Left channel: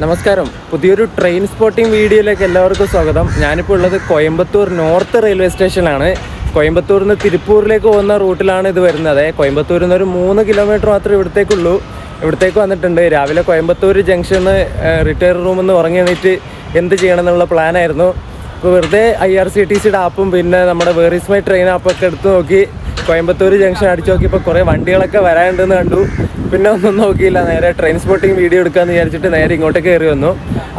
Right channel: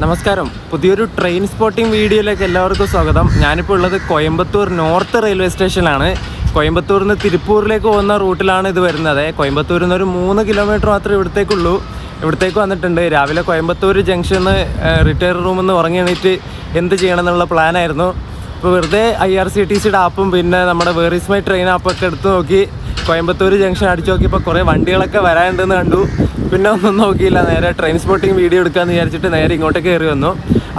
നമസ്കാരം, പുതിയൊരു train spotting വീഡിയോയിലേക്ക് എല്ലാവർക്കും സ്വാഗതം. ഞാനിപ്പോൾ ഉള്ളത് കോയമ്പത്തൂർ നോർത്ത് റെയിൽവേ സ്റ്റേഷനിലാണ്. കോയമ്പത്തൂരിൽ നിന്ന് തിരുപ്പൂരിലേക്ക് പോകുന്ന റൂട്ടിലാണ് ഇത് വരുന്നത്. കോയമ്പത്തൂരിൽ നിന്ന് ഒരു 3 കിലോമീറ്റർ മാത്രമേ ഇവിടത്തേക്കുള്ളൂ. ഇവിടത്തേക്ക് വന്നിട്ടുണ്ട്. രാവിലെ കോയമ്പത്തൂർ ജംഗ്ഷനിൽ റിട്ടയർ റൂമിൽ നിന്ന് ഉറങ്ങി എണീറ്റ് എന്ത് ചെയ്യണം എന്നുള്ള പ്ലാനായിരുന്നു. ഇപ്പോൾ വെറുതെ IRCTCയുടെ ആപ്പും പിന്നെ നമ്മുടെ വേർ ഈസ് മൈ ട്രെയിൻ ആപ്പൊക്കെ എടുത്ത് നോക്കി കോയമ്പത്തൂർ ജംഗ്ഷൻ അടിച്ചു നോക്കിയപ്പോൾ കുറേ വണ്ടികളൊക്കെ വരാനുണ്ടെന്ന് കണ്ടു. പിന്നെ ഒന്നും നോക്കിയില്ല, നേരെ ട്രെയിൻ സ്പോട്ടിംഗ് വീഡിയോ എടുക്കാമെന്ന് വിചാരിച്ചിട്ട് നേരെ ഇങ്ങോട്ടേക്ക് കയറി വന്നു.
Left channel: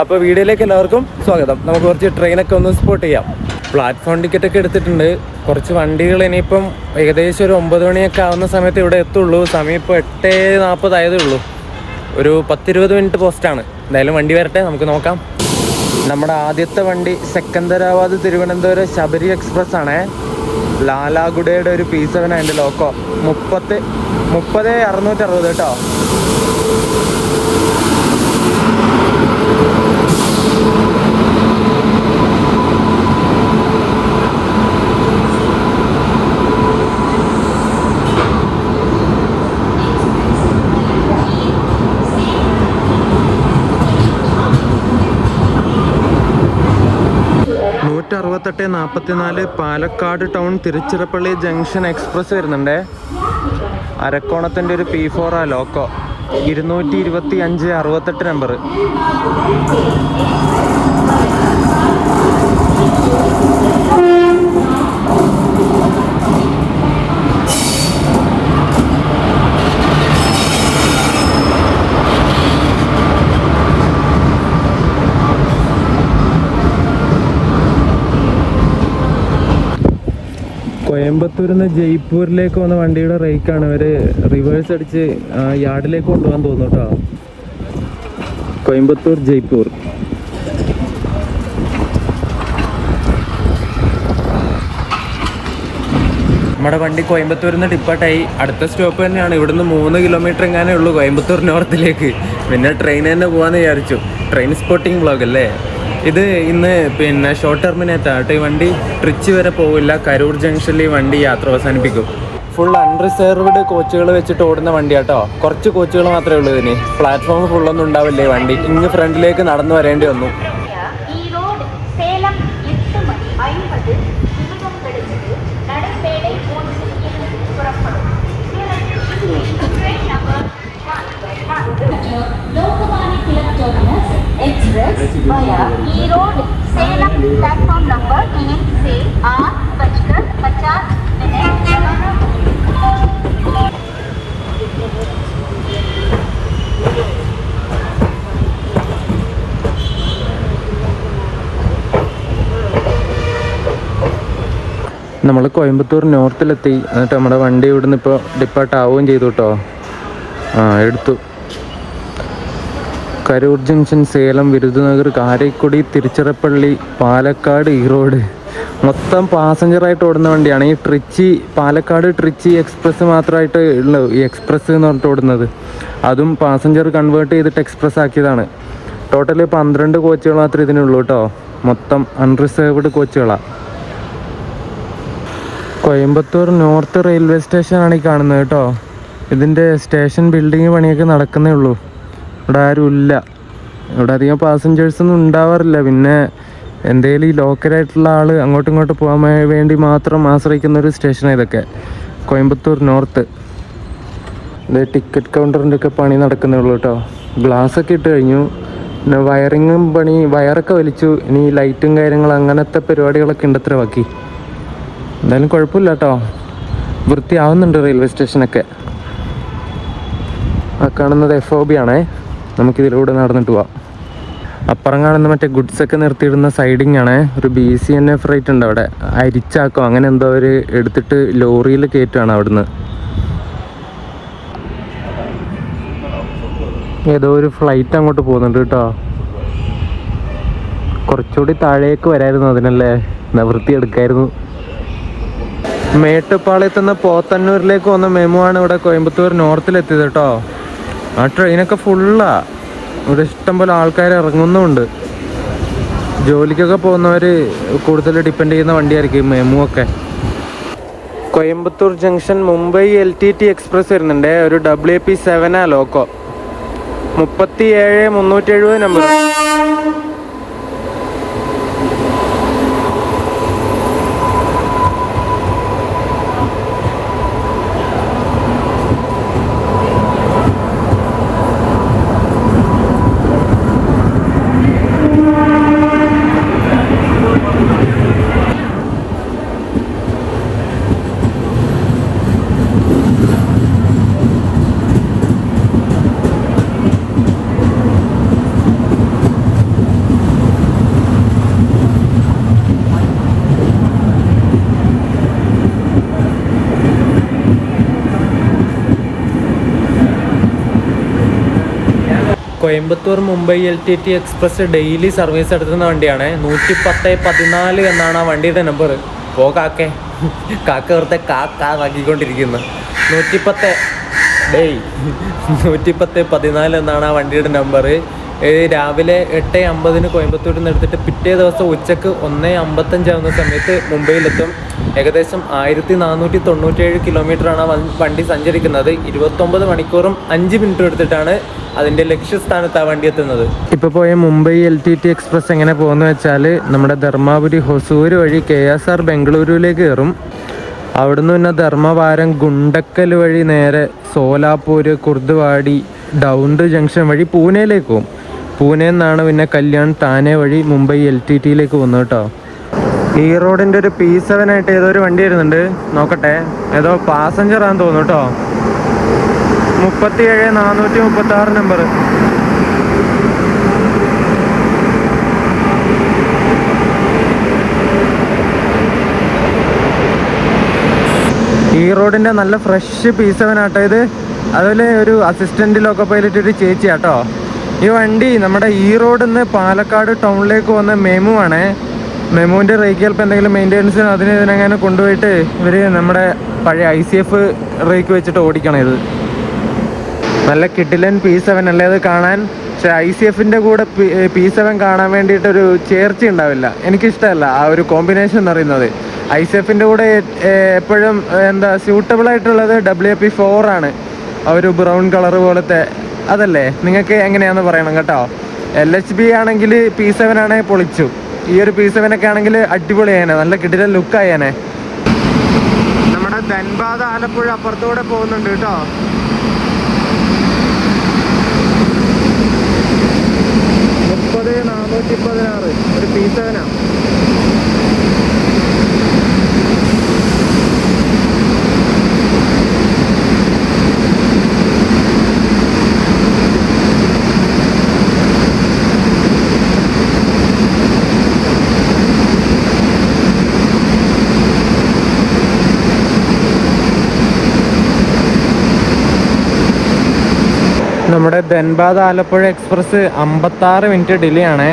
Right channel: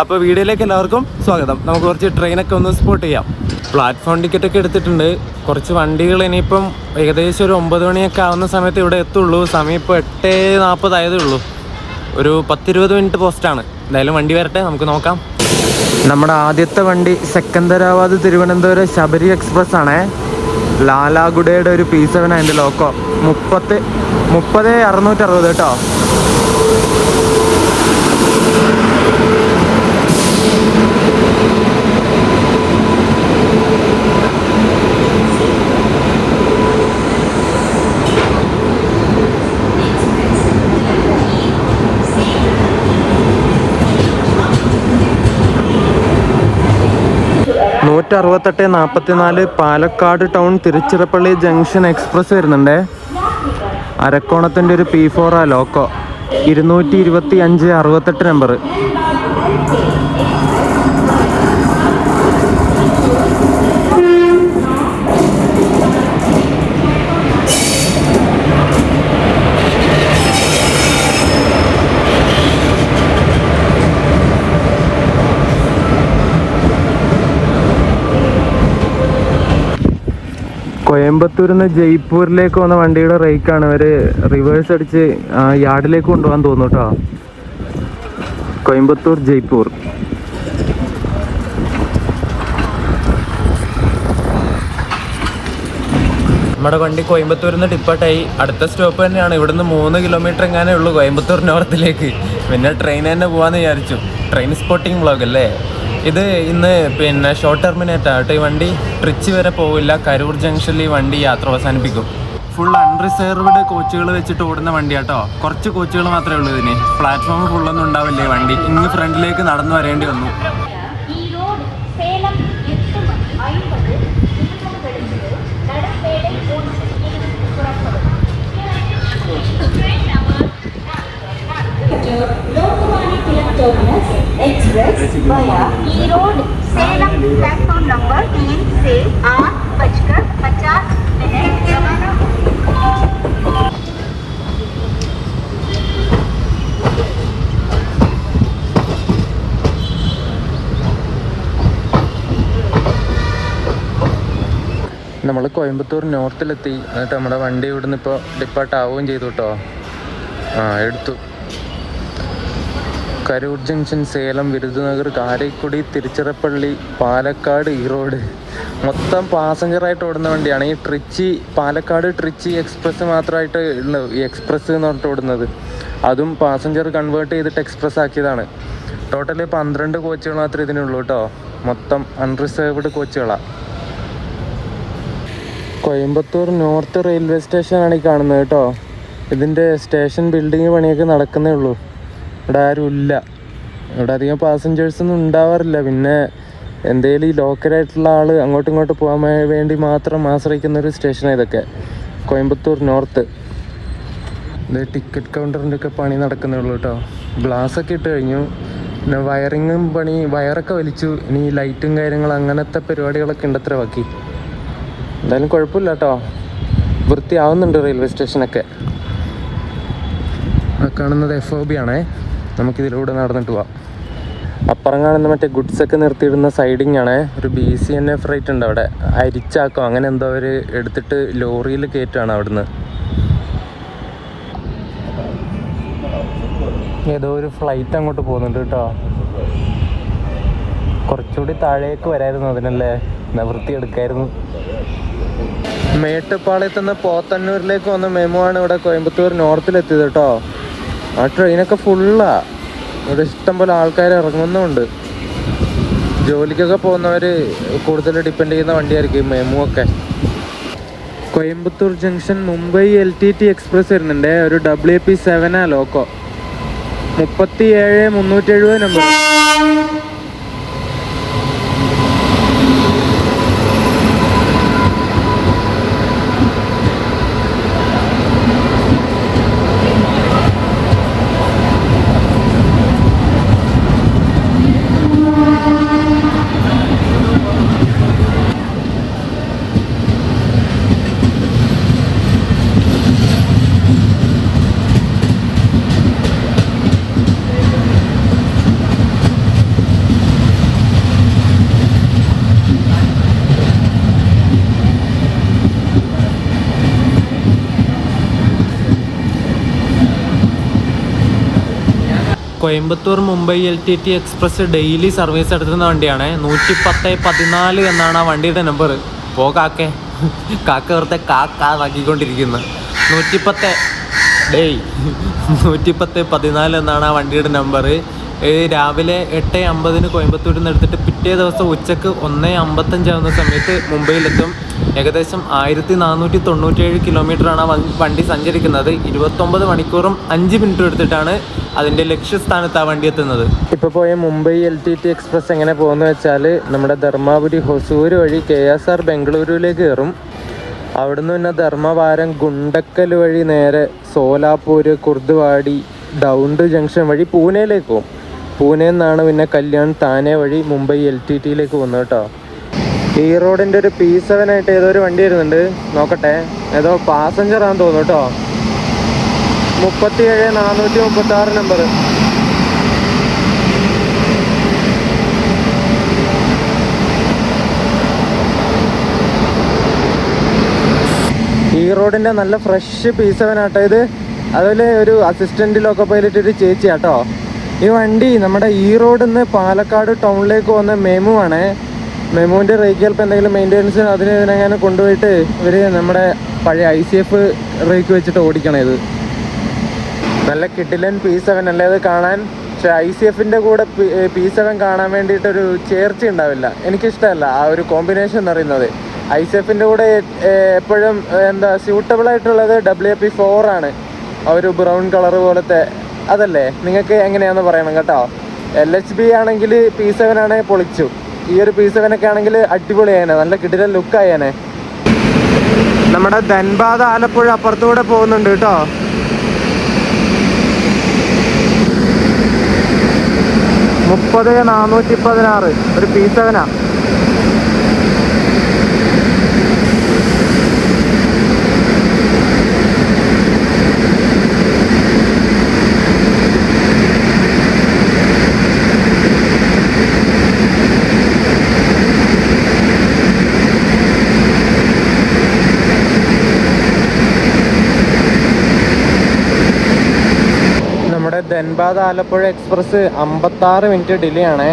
അപ്പോൾ വീഡിയോയിലേക്ക് എല്ലാവർക്കും സ്വാഗതം. നമുക്ക് കുറച്ച് ട്രെയിനൊക്കെ ഒന്ന് സ്പോട്ട് ചെയ്യാം. പ്ലാറ്റ്ഫോം ടിക്കറ്റൊക്കെ എടുത്തിട്ടുണ്ട്. കുറച്ച് വണ്ടികൾ ഇനിയിപ്പം ഏകദേശം ഒരു 9 മണിയൊക്കെ ആവുന്ന സമയത്ത് ഇവിടെ എത്തുള്ളൂ. സമയം ഇപ്പോൾ 8:40 ആയതേ ഉള്ളൂ. ഒരു 10-20 മിനിറ്റ് പോസ്റ്റാണ്. എന്തായാലും വണ്ടി വരട്ടെ, നമുക്ക് നോക്കാം. നമ്മുടെ ആദ്യത്തെ വണ്ടി സെക്കന്ദരാബാദ് തിരുവനന്തപുരം ശബരി എക്സ്പ്രസ് ആണേ. ലാലാഗുഡയുടെ ഒരു P7 അതിൻ്റെ ലോക്കോ. 30,660 കേട്ടോ. (16844) Palakkad town Tiruchirappalli junction express വരുന്നുണ്ടേ. അരക്കോണത്തിൻ്റെ ഒരു P4 ലോക്കോ. 225-68 നമ്പർ. കോയമ്പത്തൂരിൽ നിന്ന് ജയ്പൂരിലേക്ക് വന്ന വണ്ടിയുടെ റേക്കാണ്. അവർ റിവേഴ്സ് അടിച്ച് യാർഡിലേക്ക് കൊണ്ടുപോകാൻ തോന്നുന്നു കേട്ടോ. കോയമ്പത്തൂർ ജയ്പൂർ. നമ്മുടെ വണ്ടി കോയമ്പത്തൂരിൽ നിന്ന് ഡിപ്പാർട്ടായി. അടുത്ത സ്റ്റോപ്പ് തന്നെയാണ്. ഇവിടുന്ന് 3 കിലോമീറ്റർ എങ്ങാനേ ഉള്ളൂ കോയമ്പത്തൂർ നോർത്തിലേക്ക്. പിന്നെ ട്രെയിൻ തന്നെ പോകാമെന്ന് വിചാരിച്ചു. ട്രെയിൻ സ്പോട്ടിംഗ് വ്ളോഗ് അല്ലേ ഇത്. ഇന്ന് പിന്നെ ഷോർട്ട് ടെർമിനേറ്റാണ് ഈ വണ്ടി. ട്രിച്ചി വരെ പോവില്ല. കരൂർ ജംഗ്ഷനിൽ ഈ വണ്ടി യാത്ര അവസാനിപ്പിക്കും. ഫുൾ അൺറിസർവ്ഡ് കോച്ചുകൾ വെച്ചിട്ട് ഓടുന്ന വണ്ടിയാട്ടോ. കുറച്ച് കോച്ചുകൾ മാത്രമേ ഉള്ളൂ ഇതിന്. പ്ലാറ്റ്ഫോം ഫുള്ളൊന്നും ഉണ്ടാവില്ലേ വണ്ടി. ഇങ്ങ് ഫ്രണ്ടിലേക്ക് നടന്നു വരേണ്ടി വന്നു. Express via E Road, Salem, platform number 3 से 8:50 നമ്മൾ കോയമ്പത്തൂർ നോർത്തിലെത്തി. എന്നിട്ട് നമ്മുടെ വണ്ടി ഇവിടുന്ന് ഇപ്പോൾ ഡിപ്പാർട്ട് ആവുകയും ചെയ്തു കേട്ടോ. എടുത്തു. കരൂർ ജംഗ്ഷൻ, സേലം, വിരുദനഗർ, കാരക്കുടി, തിരുച്ചിറപ്പള്ളി, പാലക്കാട്, ഈറോഡ് മൊത്തം പാസഞ്ചറായിട്ട് ഓടുന്ന വണ്ടിയാണ്. ഈ ട്രിച്ചി പാലക്കാട് ട്രിച്ചി എക്സ്പ്രസ് മാത്രമായിട്ട് ഉള്ളൂ ഈ എക്സ്പ്രസ് എന്ന് പറഞ്ഞിട്ട് ഓടുന്നത്. അതും പാസഞ്ചർ കൺവേർട്ട് ചെയ്തിട്ട് എക്സ്പ്രസ് ആക്കിയതാണ്. ടോട്ടൽ 12 കോച്ചുകൾ മാത്രമേ ഇതിനുള്ളൂ കേട്ടോ. മൊത്തം അൺറിസർവ്ഡ് കോച്ചുകളാണ്. കോയമ്പത്തൂർ നോർത്ത് റെയിൽവേ സ്റ്റേഷനാണ് ഈ കാണുന്നത് കേട്ടോ. ഇതിൻ്റെ സ്റ്റേഷൻ ബിൽഡിങ് പണിയൊക്കെ നടക്കുന്നേ ഉള്ളൂ. ഇവിടെ ആരും ഇല്ല. ഇവിടെ അധികം പാസഞ്ചേഴ്സൊന്നും ഉണ്ടാവാറില്ല. പിന്നെ എന്തെങ്കിലും ഈ ലോക്കലായിട്ടുള്ള ആൾ അങ്ങോട്ടും ഇങ്ങോട്ടും പോകാൻ വേണ്ടി മാത്രം ആശ്രയിക്കുന്ന ഒരു സ്റ്റേഷനാണ് ഇതൊക്കെ. കോയമ്പത്തൂർ നോർത്ത്. ഇത് ടിക്കറ്റ് കൗണ്ടറിൻ്റെ ഒക്കെ പണി നടക്കുന്നേ ഉള്ളൂ കേട്ടോ. ഗ്ലാസ്സൊക്കെ ഇട്ട് കഴിഞ്ഞു. പിന്നെ വയറിങ്ങും പണി, വയറൊക്കെ വലിച്ചു. ഇനി ലൈറ്റും കാര്യങ്ങളും അങ്ങനത്തെ പരിപാടികളൊക്കെ ഉണ്ട് അത്ര ബാക്കി. എന്തായാലും കുഴപ്പമില്ല കേട്ടോ. വൃത്തിയാവുന്നുണ്ട് റെയിൽവേ സ്റ്റേഷനൊക്കെ. ആ കാണുന്നത് FOB ആണേ. നമുക്കിതിലൂടെ നടന്നിട്ട് പോവാം. അപ്പുറം കാണുന്ന മറ്റേ ഗുഡ്സൊക്കെ നിർത്തിയിടുന്ന സൈഡിങ് ആണ്. ഒരു BCNF ഫ്രൈറ്റ് ഉണ്ട് അവിടെ. അരിച്ചാക്കോ അങ്ങനെ എന്തോ അവർ എടുത്തിട്ട് ലോറിയിൽ കയറ്റുകയാണ് അവിടുന്ന്. ഏതോ ഒരു ഫ്ലൈറ്റ് അങ്ങോട്ട് പോകുന്നുണ്ട് കേട്ടോ. കുറച്ചുകൂടി താഴേക്ക് വരായിരുന്നു അതിനല്ലേ, വൃത്തിയെടുക്കായിരുന്നു. മേട്ടുപ്പാളയത്തു നിന്ന് പോത്തന്നൂരിലേക്ക് വന്ന മെമു ആണ് ഇവിടെ കോയമ്പത്തൂർ നോർത്തിലെത്തിയത് കേട്ടോ. ആ ട്രെയിനൊക്കെ ഫുള്ളാ. ഇവിടെ ഇഷ്ടംപോലെ ആൾക്കാർ ഇറങ്ങുന്നുമുണ്ട്. ജോലിക്കൊക്കെ പോകുന്നവർ കൂടുതൽ ഡിപ്പെൻഡ് ചെയ്യുന്ന വണ്ടിയായിരിക്കും മെമു ഒക്കെ. Coimbatore junction Mumbai LTT express വരുന്നുണ്ട്. ഒരു WP7 loco. 37 number. Coimbatore Mumbai LTT express daily service എടുത്തുന്ന വണ്ടിയാണ്. 110-14 എന്നാണ് ആ വണ്ടിയുടെ നമ്പർ. കാക്ക വെറുതെ കാക്കിക്കൊണ്ടിരിക്കുന്നത്. 110-14 എന്നാണ് ആ വണ്ടിയുടെ നമ്പർ. രാവിലെ 8:50 കോയമ്പത്തൂരിൽ നിന്ന് എടുത്തിട്ട് പിറ്റേ ദിവസം ഉച്ചക്ക് 1:55 ആവുന്ന സമയത്ത് മുംബൈയിലെത്തും. ഏകദേശം 1497 കിലോമീറ്ററാണ് ആ വണ്ടി സഞ്ചരിക്കുന്നത്. 29 മണിക്കൂറും 5 മിനിറ്റും എടുത്തിട്ടാണ് അതിൻ്റെ ലക്ഷ്യസ്ഥാനത്ത് ആ വണ്ടി എത്തുന്നത്. ഇപ്പോൾ പോയ മുംബൈ LTT എക്സ്പ്രസ് എങ്ങനെ പോകുന്ന വെച്ചാൽ നമ്മുടെ ധർമാപുരി ഹൊസൂർ വഴി KSR ബംഗളൂരുവിലേക്ക് കയറും. അവിടുന്ന് പിന്നെ ധർമ്മവാരം ഗുണ്ടക്കൽ വഴി നേരെ സോലാപൂർ കുർദ്വാടി ഡൗണ്ട് ജംഗ്ഷൻ വഴി പൂനെയിലേക്ക് പോകും. പൂനെയിൽ നിന്നാണ് പിന്നെ കല്യാൺ താനെ വഴി മുംബൈ LTTയിലേക്ക് പോകുന്നത് കേട്ടോ. ഈ റോഡിൻ്റെ ഒരു P7 ആയിട്ട് ഏതോ ഒരു വണ്ടി വരുന്നുണ്ട്, നോക്കട്ടെ. ഏതോ പാസഞ്ചർ ആണെന്ന് തോന്നുന്നു കേട്ടോ. 37-436 നമ്പർ. ഈ റോഡിൻ്റെ നല്ല ഫ്രഷ് P7 ആട്ടോ ഇത്. അതുപോലെ ഒരു അസിസ്റ്റന്റ് ലോക്കോ പൈലറ്റ് ഒരു ചേച്ചി ആട്ടോ. ഈ വണ്ടി നമ്മുടെ ഈ റോഡിൽ നിന്ന് പാലക്കാട് ടൗണിലേക്ക് പോകുന്ന മെമു ആണ്. മെമുവിൻ്റെ റേക്കിയൽപ്പ് എന്തെങ്കിലും മെയിൻ്റെനൻസ് ഇതിനെങ്ങനെ കൊണ്ടുപോയിട്ട് ഇവർ നമ്മുടെ പഴയ ICF റേക്ക് വെച്ചിട്ട് ഓടിക്കണം. ഇത് നല്ല കിട്ടിലൻ P7 അല്ലേ അത് കാണാൻ. പക്ഷെ ICFൻ്റെ കൂടെ P7 കാണാൻ വേണ്ടിയിട്ടൊരു ചേർച്ച ഉണ്ടാവില്ല. എനിക്കിഷ്ടമല്ല ആ ഒരു കോമ്പിനേഷൻ എന്ന് പറയുന്നത്. ICFൻ്റെ കൂടെ എപ്പോഴും സ്യൂട്ടബിൾ ആയിട്ടുള്ളത് WP4 ആണ്. ആ ഒരു ബ്രൗൺ കളർ പോലത്തെ അതല്ലേ. നിങ്ങൾക്ക് എങ്ങനെയാണെന്ന് പറയണം കേട്ടോ. LHB ആണെങ്കിൽ P7 ആണെങ്കിൽ പൊളിച്ചു. ഈ ഒരു P7 ഒക്കെ ആണെങ്കിൽ അടിപൊളിയായനെ, നല്ല കിടിലൻ ലുക്കായനെ. നമ്മുടെ ധൻബാദ് ആലപ്പുഴ അപ്പുറത്തൂടെ പോകുന്നുണ്ട് കേട്ടോ. മുപ്പത് 416 ഒരു P7 ആ. Dhanbad Alappuzha express 56 minute delay ആണ്.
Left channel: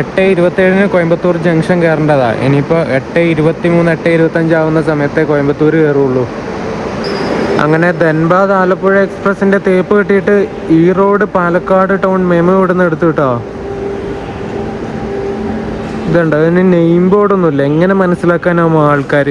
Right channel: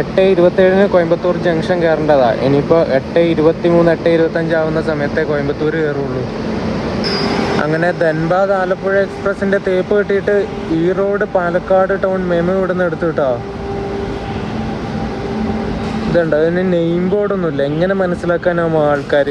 8:27 കോയമ്പത്തൂർ ജംഗ്ഷൻ കയറേണ്ടതാണ്. ഇനിയിപ്പോൾ 8:23 8:25 ആവുന്ന സമയത്തേ കോയമ്പത്തൂർ കയറുള്ളൂ. അങ്ങനെ ധൻബാദ് ആലപ്പുഴ എക്സ്പ്രസിൻ്റെ തേപ്പ് കെട്ടിയിട്ട് ഈ റോഡ് പാലക്കാട് ടൗൺ മെമു ഇവിടെ നിന്ന് എടുത്തു കേട്ടോ. ഇതുണ്ട്, അതിന് നെയിം ബോർഡൊന്നുമില്ല. എങ്ങനെ മനസ്സിലാക്കാനാവും ആൾക്കാർ?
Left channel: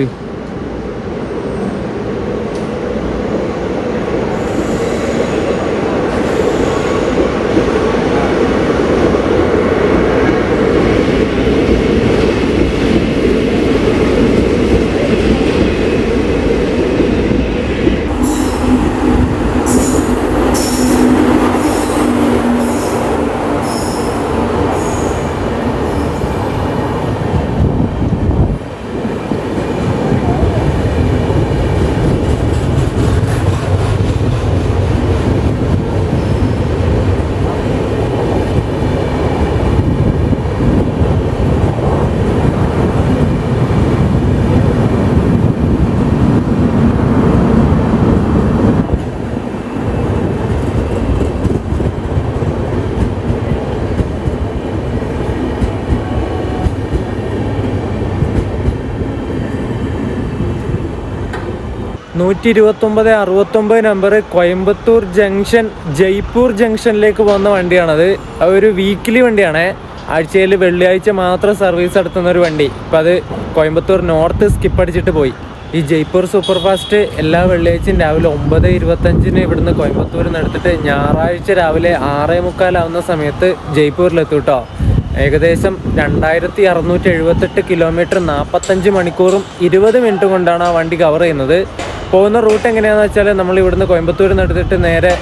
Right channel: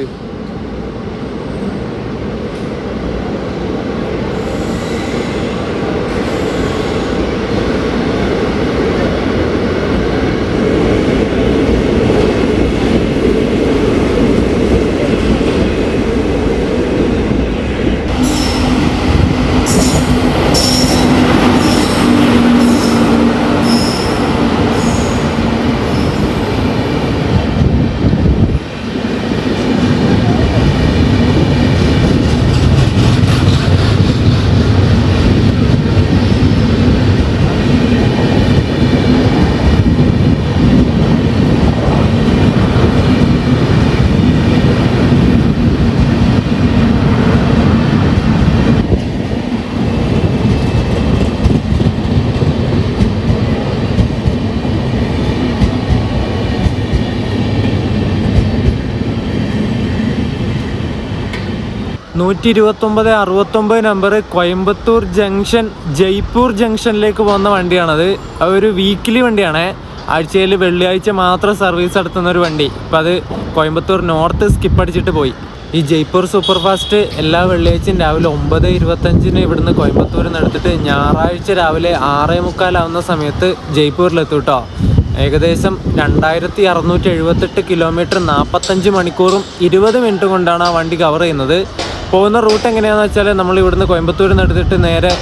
129-69 നമ്പർ കോയമ്പത്തൂർ ജംഗ്ഷൻ ജയ്പൂർ ജംഗ്ഷനിലേക്ക് പോകുന്ന വണ്ടിയാണത്. അതൊരു വീക്കിലി വണ്ടിയാണ്. ആഴ്ചയിൽ വെള്ളിയാഴ്ച മാത്രം സർവീസ് നടത്തുന്ന ഒരു വണ്ടി. ഇപ്പം അത് കോയമ്പത്തൂർ നോർത്ത് സ്കിപ്പ് അടിച്ചിട്ട് പോയി. ഈ ജയ്പൂർ സൂപ്പർ ഫാസ്റ്റ് എല്ലാ വെള്ളിയാഴ്ചയും രാവിലെ 9:25 ഇവിടുന്ന് കോയമ്പത്തൂരിൽ നിന്ന് എടുത്തിട്ട് ഞായറാഴ്ച രാവിലെ 6:45 സമയത്ത് ജയ്പൂരിലെത്തും കേട്ടോ. ഏകദേശം 2678 കിലോമീറ്റർ 45 മണിക്കൂറും 20 മിനിറ്റ് കൊണ്ടാണ് ആ വണ്ടി കവർ ചെയ്യുന്നത്. പോകുന്ന റൂട്ട് എങ്ങനെയാണെന്ന് വെച്ചാൽ നമ്മൾ ഇവിടുന്ന് കോയമ്പത്തൂരിൽ നിന്ന് എടുത്തിട്ട് നേരെ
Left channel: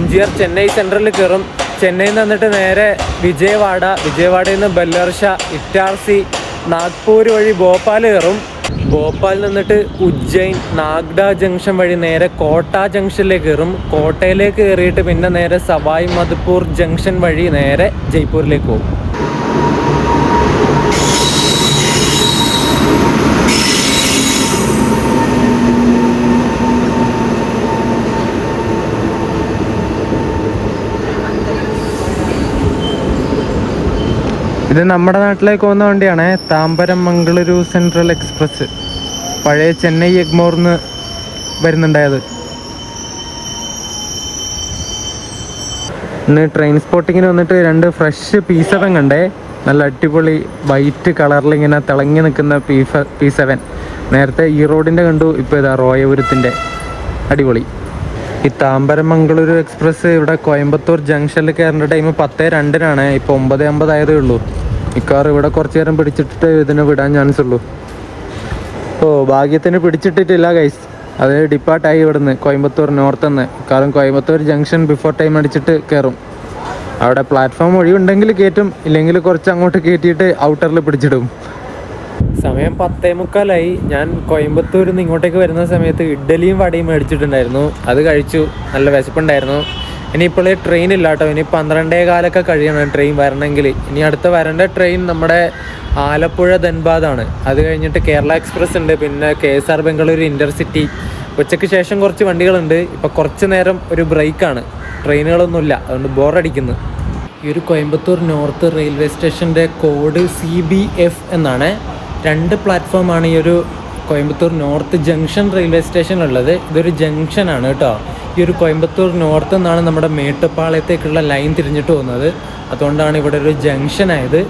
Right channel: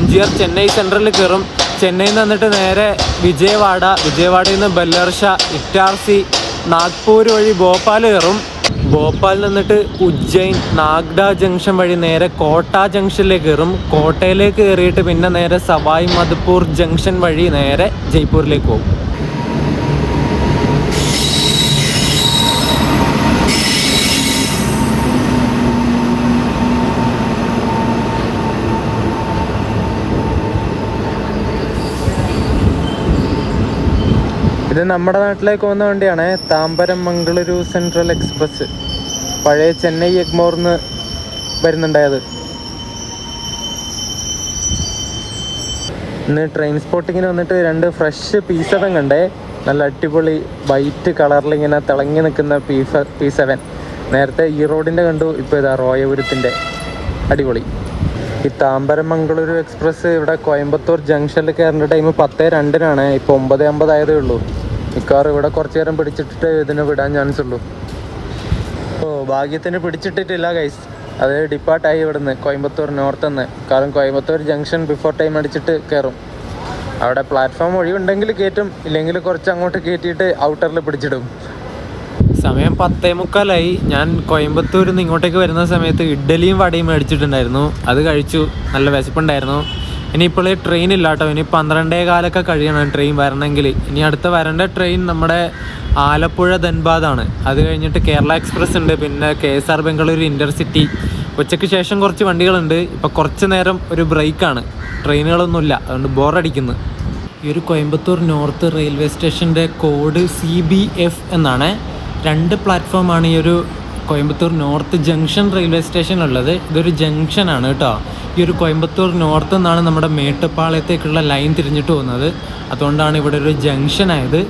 MGR ചെന്നൈ സെൻട്രലിൽ കയറും. ചെന്നൈയിൽ നിന്ന് വന്നിട്ട് നേരെ വിജയവാഡയിൽ നിന്ന് ബല്ലേർഷ, ഇറ്റാർസി, നാഗ്പൂർ വഴി ഭോപ്പാൽ കയറും. ഭോപ്പാലിൽ നിന്നിട്ട് ഉജ്ജയിൻ, നാഗ്ഡ ജംഗ്ഷൻ വഴി നേരെ കോട്ട ജംഗ്ഷനിലേക്ക് കയറും. കോട്ടയിലേക്ക് കയറിയിട്ട് പിന്നെ നേരെ സവായ് മധുപൂർ ജംഗ്ഷൻ വഴി നേരെ ജയ്പൂരിലേക്ക് പോകും. ഇത് നമ്മുടെ നാട്ടിലേക്ക് പോകുന്ന വണ്ടിയാണ്, താമ്പരം മംഗളൂരു സെൻട്രൽ എക്സ്പ്രസ്. പഴയ ചെന്നൈ എഗ്മോർന്ന് വരുന്നുണ്ടായത്. ഇന്ന് ട്രെയിൻ സ്പോട്ടിങ്ങിന് വന്നിട്ട് 2 ഫ്രഷ് P7 കണ്ടേ. നല്ല അടിപൊളി വൈറ്റ് കളറിൽ ഇങ്ങനെ തിളങ്ങി നിൽക്കുന്ന P7. നേരത്തെ ഈ റോഡിൻ്റെ കണ്ടു, ഇപ്പോൾ ഇതാ റോയപുരത്തിൻ്റെ. അടിപൊളി. ഈ താമ്പരം മംഗളൂരു എക്സ്പ്രസ് ഇവിടെ കോയമ്പത്തൂർ ജംഗ്ഷനിൽ കയറേണ്ട ടൈം 10:02 ഇപ്പോൾ 9:50 ആയതേ ഉള്ളൂ. ഈ കാർ ഇവിടെ കുറച്ച് നേരം പിടിച്ചിട്ട് ഇതിന് വിടാൻ ചാൻസ് ഉള്ളൂ. ഭാഗ്യത്തിന് പിടിച്ചിട്ടിട്ടില്ല ഗൈസ്. അത് ഡിപ്പാർട്ടായി ഇവിടുന്ന് കോയമ്പത്തൂർ നോർത്ത് നിന്ന്. കാരണം കോയമ്പത്തൂർ ജംഗ്ഷൻ ബിഫോർ ടൈം അടിച്ചിട്ട് കയറും. അവിടെ പ്ലാറ്റ്ഫോം ഒഴിവുണ്ടെങ്കിൽ കയറ്റും, ഇല്ലെങ്കിൽ കുറച്ച് അങ്ങോട്ട് കയറ്റിയിട്ട് ഔട്ടറിൽ പിടിച്ചിടും. സമയം 10:45. ഞാൻ കോയമ്പത്തൂരിൽ നിന്ന് ഇങ്ങോട്ടേക്ക് വരുന്ന സമയത്ത് ഇഡ്ഡലിയും വടയും മേടിച്ചിട്ടുണ്ടായിരുന്നു. അത് കഴിച്ചു, നല്ല വിശപ്പുണ്ടായിരുന്നു. ഇനിയിപ്പോൾ ട്രെയിൻ ഇല്ല കേട്ടോ. ഇനി 12:15 കഴിയണം ട്രെയിൻ വരണമെങ്കിൽ. ഇനി അടുത്ത വരേണ്ട ട്രെയിൻ നമ്മുടെ ആലപ്പുഴ ധൻബാദാണ്. അത് കഴിഞ്ഞിട്ട് കേരള എക്സ്പ്രസ് ഉണ്ട്, പിന്നെ KSR ബംഗളൂരു ഇൻ്റർസിറ്റി. ഉച്ചയ്ക്ക് ശേഷം കുറച്ച് വണ്ടികളുണ്ട്. ഇപ്പോൾ കുറച്ച് നേരം ഒരു ബ്രേക്കാണ്, ട്രെയിനുകളൊന്നുമില്ല, അതുകൊണ്ട് ബോറടിക്കുന്നു. ഈ ഒരു കോയമ്പത്തൂർ നോർത്ത് റെയിൽവേ സ്റ്റേഷൻ്റെ കോഡ് CBF എന്നാണ്. 2 പ്ലാറ്റ്ഫോമാണ് ഈ ഒരു കോയമ്പത്തൂർ നോർത്ത് ജംഗ്ഷൻ റെയിൽവേ സ്റ്റേഷനുള്ളത്. ഇതൊരു ജംഗ്ഷനാണ് കേട്ടോ. ഈ ഒരു കോയമ്പത്തൂർ നോർത്ത് നിന്നാണ് നമ്മുടെ മേട്ടുപ്പാളയത്തേക്കുള്ള ലൈൻ തിരിഞ്ഞിട്ട് പോകുന്നത്. അതുകൊണ്ടാണ് ഇവിടെ ഒരു ജംഗ്ഷൻ ആയത്.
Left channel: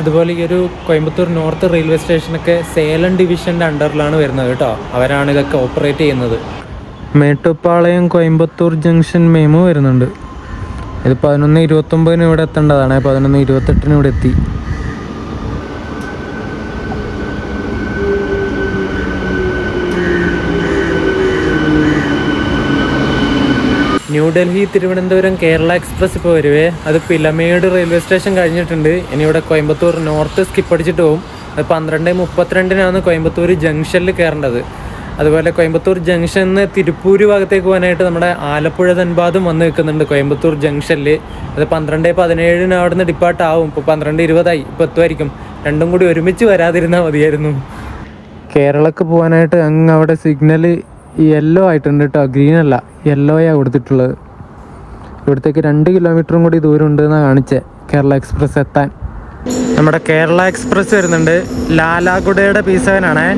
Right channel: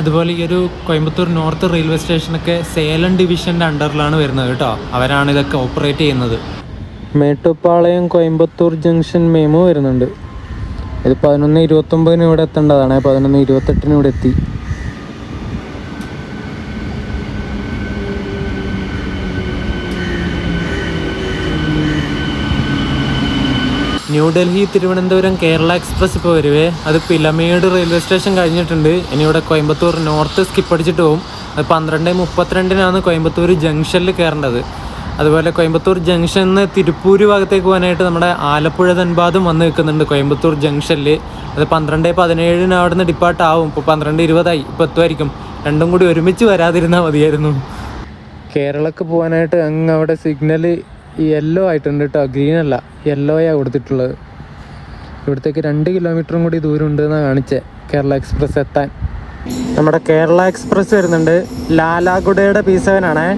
അതുപോലെ ഈ ഒരു കോയമ്പത്തൂർ നോർത്ത് റെയിൽവേ സ്റ്റേഷനൊക്കെ സേലം ഡിവിഷൻ്റെ അണ്ടറിലാണ് വരുന്നത് കേട്ടോ. അവരാണ് ഇതൊക്കെ ഓപ്പറേറ്റ് ചെയ്യുന്നത്. മേട്ടുപ്പാളയം കോയമ്പത്തൂർ ജംഗ്ഷൻ മെമു വരുന്നുണ്ട്. ഇത് 11:29 ഇവിടെ എത്തേണ്ടതാണ്, 11:28 ഇവിടെ എത്തി. ന്യൂഡൽഹി തിരുവനന്തപുരം കേരള എക്സ്പ്രസ് ഇപ്പോൾ വരുവേ. അത് പിലമേട് റെയിൽവേ സ്റ്റേഷൻ കഴിഞ്ഞിട്ടുണ്ട്. ഇനി ഇവിടെ കോയമ്പത്തൂർ നോർത്ത് സ്കിപ്പ് അടിച്ചിട്ട് പോകും. അത് 12:32 കോയമ്പത്തൂർ ജംഗ്ഷനിൽ കയറേണ്ടത്. അതുപോലെ കോയമ്പത്തൂർ ജംഗ്ഷനിൽ നിന്ന് തിരുപ്പൂർ ഭാഗത്തേക്ക് പോകാനായിട്ട് നമ്മുടെ ആലപ്പുഴ ധൻബാദും വന്ന് നിൽക്കുന്നുണ്ട് കോയമ്പത്തൂർ ജംഗ്ഷനിൽ. അത് 12:17 അവിടെ നിന്ന് ഡിപ്പാർട്ട് ആവും. ഇപ്പോൾ 12:20 ഇപ്പോൾ എത്തുമായിരിക്കും. രണ്ടും കൂടി ഒരുമിച്ച് വരാതിരുന്നാൽ മതിയായിരുന്നു. കേരളക്ക് പോകാനായിട്ട് അങ്ങ് അവിടെ സിഗ്നൽ യെല്ലോ ആയിട്ടുണ്ട് കേട്ടോ, ഗ്രീൻ അല്ല, യെല്ലോയാണ് കൊടുത്തിട്ടുള്ളത്. ഇവിടത്തേക്ക് 2 കിലോമീറ്ററും കൂടി ദൂരം ഉണ്ടെന്നാണ് കാണിച്ചത് കേരള എക്സ്പ്രസ് എത്താൻ. നമ്മുടെ കേരള എക്സ്പ്രസ് വരുന്നുണ്ട്. ലാലാഗുഡയുടെ P7 ആണേ.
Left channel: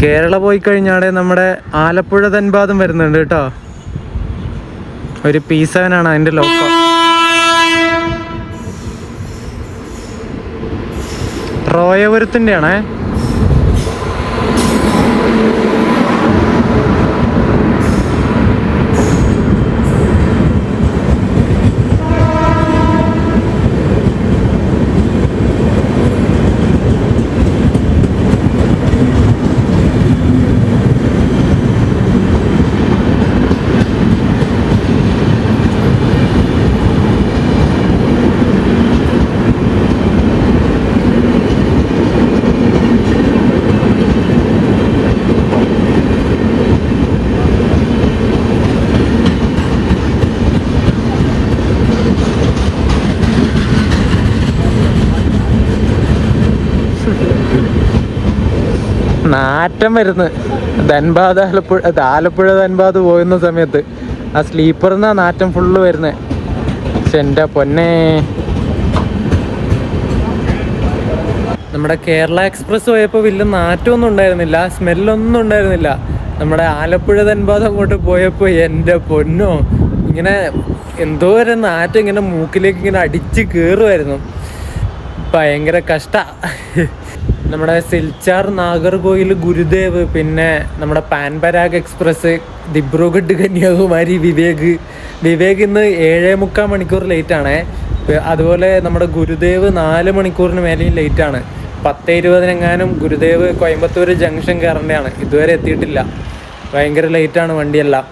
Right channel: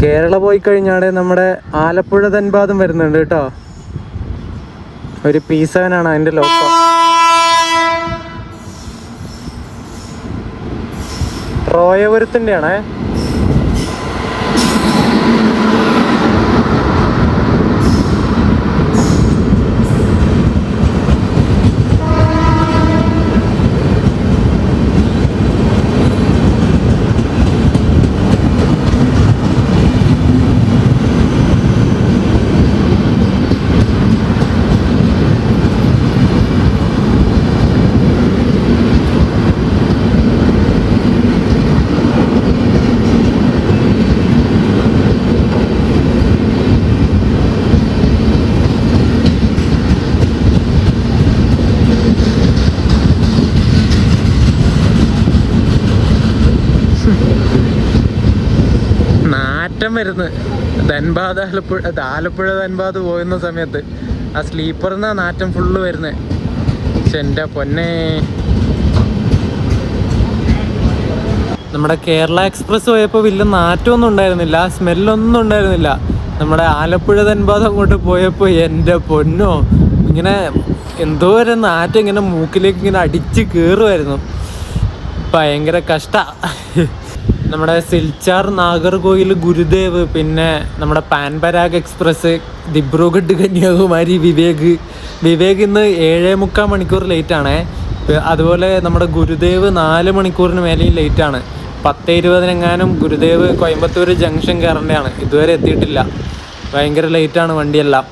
കേരള പോയി കഴിഞ്ഞാടെ നമ്മുടെ ആലപ്പുഴ ധൻബാദും വരുന്നുണ്ട് കേട്ടോ. ഒരു P7 ആണ് അതിൻ്റെ ലോക്കോ. റോയപുരത്തിൻ്റെ ആണേ. നാറ്റം വരുന്നു. ധൻബാദ് ആലപ്പുഴ ധൻബാദ് പോകുന്ന സമയത്ത് ആ സ്ലീപ്പറിന്നാ നാറ്റം ഫുള്ള് വരുന്നത്. പക്ഷെ എൻ്റെ പൊന്നെ, നമ്മുടെ കേരള എക്സ്പ്രസ് പോയപ്പോൾ വലിയ നാറ്റമൊന്നും ഉണ്ടായിരുന്നില്ല, സ്മെല്ലൊന്നും ഉണ്ടായിരുന്നില്ല. നമ്മുടെ ആലപ്പുഴ ധൻബാദ് അങ്ങോട്ട് പോയപ്പോൾ എൻ്റെ പൊന്നോ, ഇങ്ങനെ എന്തോ ഒരു നാറ്റം ഇങ്ങനെ മൂക്കിലേക്ക് ഇങ്ങനെ അടിച്ച് കയറുമായിരുന്നു. ഭയങ്കര കഷ്ടമാണ്. നമ്മുടെ സിൽച്ചാർ, നാഗർകോയിൽ, ഗുരുദേവ്, പിന്നെ നമ്മുടെ പാൻപരാഗ് എക്സ്പ്രസ്, ദിബ്രുഗഡ് കന്യാകുമാരി, വിവേക് ഇന്ന് 7.25 മണിക്കൂർ ലേറ്റാണ്. അതുപോലെ നമ്മുടെ ഗുരുദേവ് 4 മണിക്കൂറിന് മേലെയും ലേറ്റാണ്. 10:20 ഗുരുദേവ് കോയമ്പത്തൂർ ജംഗ്ഷൻ കയറേണ്ടതാണ്, ഇതുവരെ എത്തിയിട്ടില്ല. ഭയങ്കര ലേറ്റാണ് വണ്ടിയെല്ലാം.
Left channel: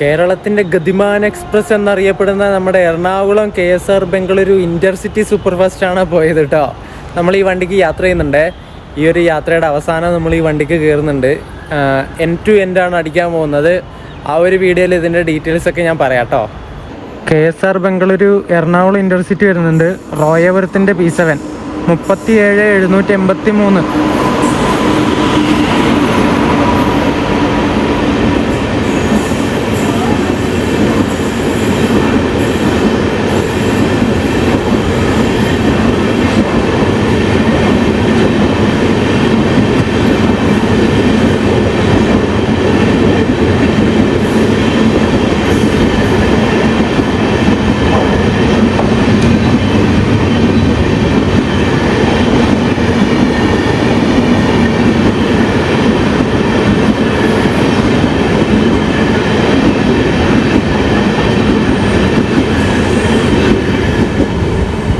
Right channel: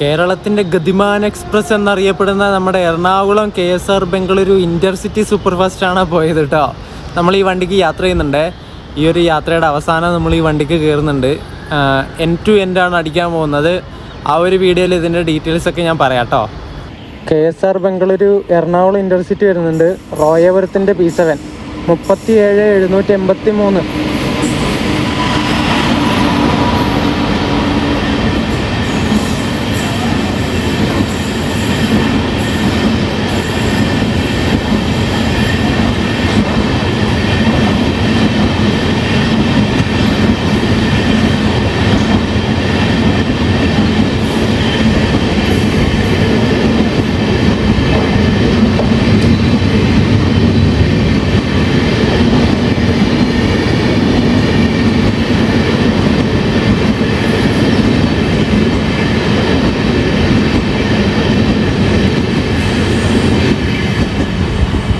കേരളത്തിൻ്റെ ഗതിമാൻ എക്സ്പ്രസ് എന്നറിയപ്പെടുന്ന നമ്മുടെ Ernakulam KSR Bengaluru intercity super ഫാസ്റ്റാണ് പോയത് കേട്ടോ. നമ്മൾ ഈ വണ്ടിക്ക് യാത്ര ചെയ്യുന്നുണ്ട്. ഈ ഒരു യാത്രയുടെ അവസാനം നമ്മൾ ഈ വണ്ടിക്ക് കയറുന്നുണ്ട്. end to end ആണ് അടിക്കാൻ പോകുന്നത്. ആ ഒരു വീഡിയോയിൽ ഇതിൻ്റെ ഡീറ്റെയിൽസൊക്കെ ഞാൻ പറയാം കേട്ടോ. KSR ബംഗളൂരു എറണാകുളം ഇൻ്റർസിറ്റി വരുന്നുണ്ട്. റോയപുരത്തിൻ്റെ P7 37,783.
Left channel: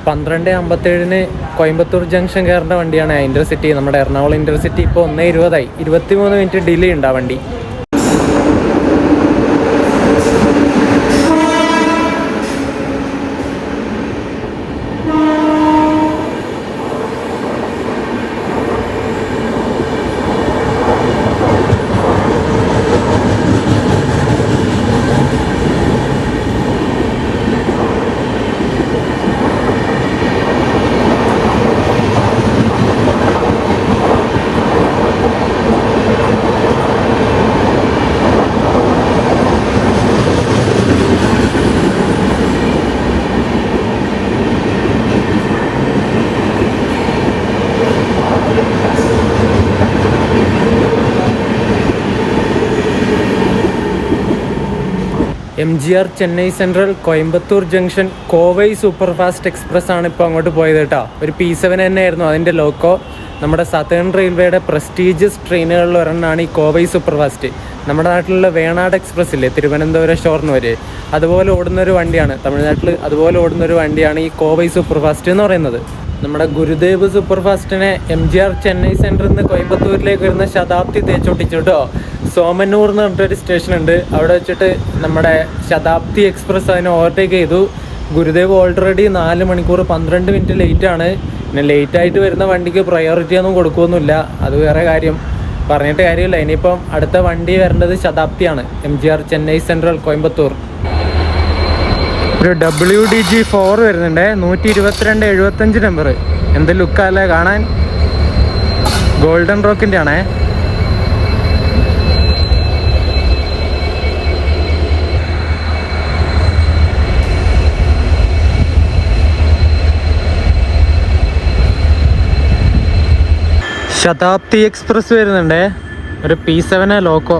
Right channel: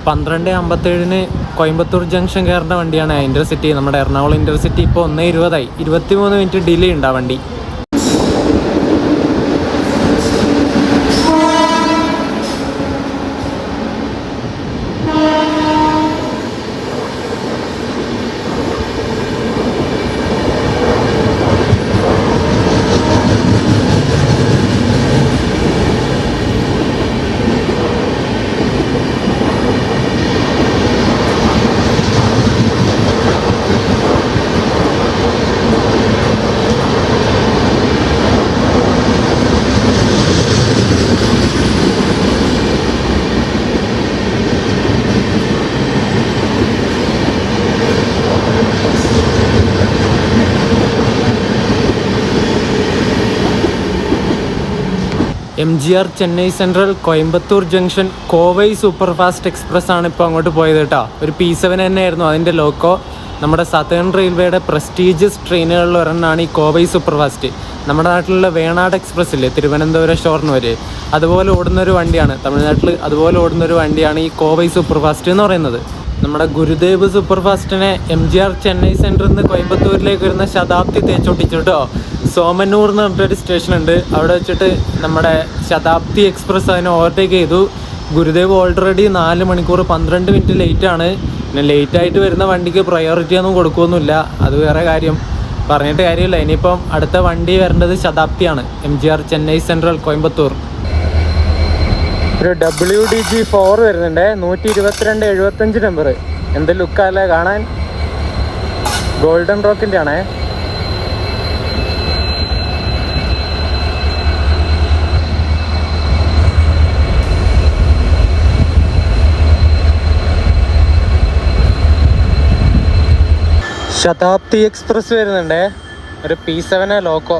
പന്ത്രണ്ട് 57 കോയമ്പത്തൂർ ജംഗ്ഷൻ കയറേണ്ട വണ്ടിയാണ് ഇൻ്റർസിറ്റി. നമ്മുടെ എറണാകുളം ഇൻ്റർസിറ്റി ഇപ്പോൾ 1:20 23 മിനിറ്റ് ഡിലേ ഉണ്ട് ആ വണ്ടി. MGR Chennai central Coimbatore junction Kovai super fast express ആണ് ഇപ്പോൾ അങ്ങോട്ട് പോയത് കേട്ടോ. ഒരു P7 തന്നെയായിരുന്നു അതിൻ്റെ ലോക്കോ. നമ്മുടെ സതേൺ റെയിൽവേയുടെ പ്രസ്റ്റീജിയസ് ട്രെയിനുകളിൽ ഒരെണ്ണമാണ് ഈ കോവൈ സൂപ്പർ ഫാസ്റ്റ്. നമ്മുടെ നാട്ടിലുള്ള വേണാട് എക്സ്പ്രസ് ഇല്ലേ, തിരുവനന്തപുരം ഷൊർണൂർ, അതുപോലെ ഓടുന്നൊരു വണ്ടിയാണ്. തമിഴ്നാട്ടിൽ അതുപോലെ ഓടുന്നൊരു വണ്ടിയാണ് ഈ കോവൈ സൂപ്പർ ഫാസ്റ്റ് എന്ന് പറയുന്നത്. നമ്മുടെ ഗുരുദേവ് സൂപ്പർ ഫാസ്റ്റിനെ MGR ചെന്നൈ സെൻറ്ററിൽ നിന്ന് കോയമ്പത്തൂരിലേക്ക് വരുന്ന ശതാബ്ദി തേച്ചോട്ടിച്ചു കേട്ടോ. സോമന്നൂർ എന്ന് പറഞ്ഞിട്ടൊരു സ്റ്റേഷൻ ഉണ്ട്, അവിടെ വെച്ചിട്ട് നമ്മുടെ ശതാബ്ദി എക്സ്പ്രസ് അതിനെ ഓവർടേക്ക് ചെയ്തു. ഗുരുദേവ് ഓൾറെഡി 4 മണിക്കൂർ 12 മിനിറ്റ് ലേറ്റാണ്. പിന്നെ ലേറ്റായിട്ട് വരുന്ന വണ്ടിക്ക് പ്രയോറിറ്റി ഒന്നും കൊടുക്കുകയൊന്നുമില്ല, അത് വേറെ കാര്യം, പറഞ്ഞിട്ട് കാര്യമില്ല. ഇനിയിപ്പം അടുത്ത വണ്ടി വരേണ്ടത് ശതാബ്ദിയാണ്, MGR ചെന്നൈ സെൻട്രൽ കോയമ്പത്തൂർ. ഒരു WDG4 വരുന്നുണ്ട്, 122/75 നമ്പർ. എന്ത് ലുക്കല്ലേ കാണാൻ, ഗോൾഡൻ റോക്കിൻ്റെ ആണേ. ശതാബ്ദി എക്സ്പ്രസ് വരുന്നുണ്ട്, ഒരു P7 ലോക്കോ,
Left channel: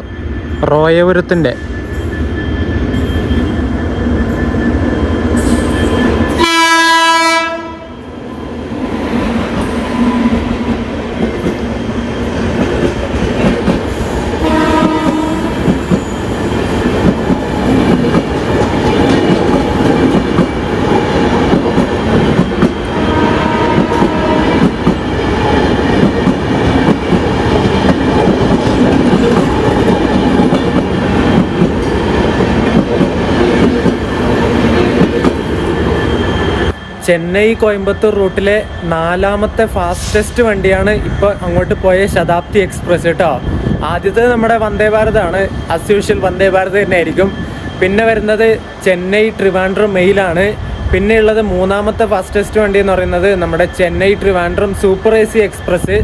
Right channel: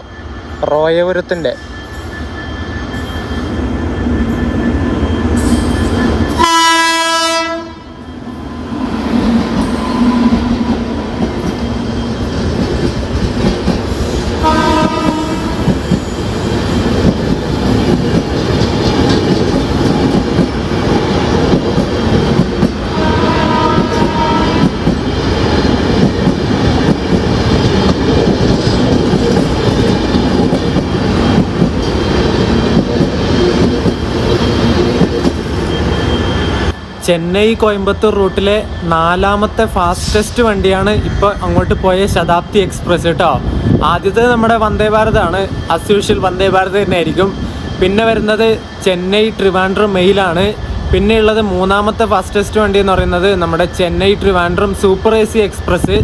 റോയപുരത്തിൻ്റെ. ചെന്നൈ കോയമ്പത്തൂർ റൂട്ടിലെ 4ാമത്തെ ഫാസ്റ്റസ്റ്റ് വണ്ടിയാണ് ഇപ്പോൾ അങ്ങോട്ട് പോയ ശതാബ്ദി എക്സ്പ്രസ് കേട്ടോ. ആദ്യത്തെ നമ്മുടെ വന്ദേ ഭാരതാണ്, ആസ് യൂഷ്വൽ വന്ദേ ഭാരത് തന്നെ ആയിരിക്കും. പിന്നെ വരുന്നത് ചെന്നൈ ട്രിവാൻഡ്രം മെയിലാണ്. പിന്നെയുള്ളത് 3ാമത്തെ ഫാസ്റ്റസ്റ്റ് വണ്ടി എന്ന് പറയുന്നത് നമ്മുടെ Chennai Trivandrum super AC express.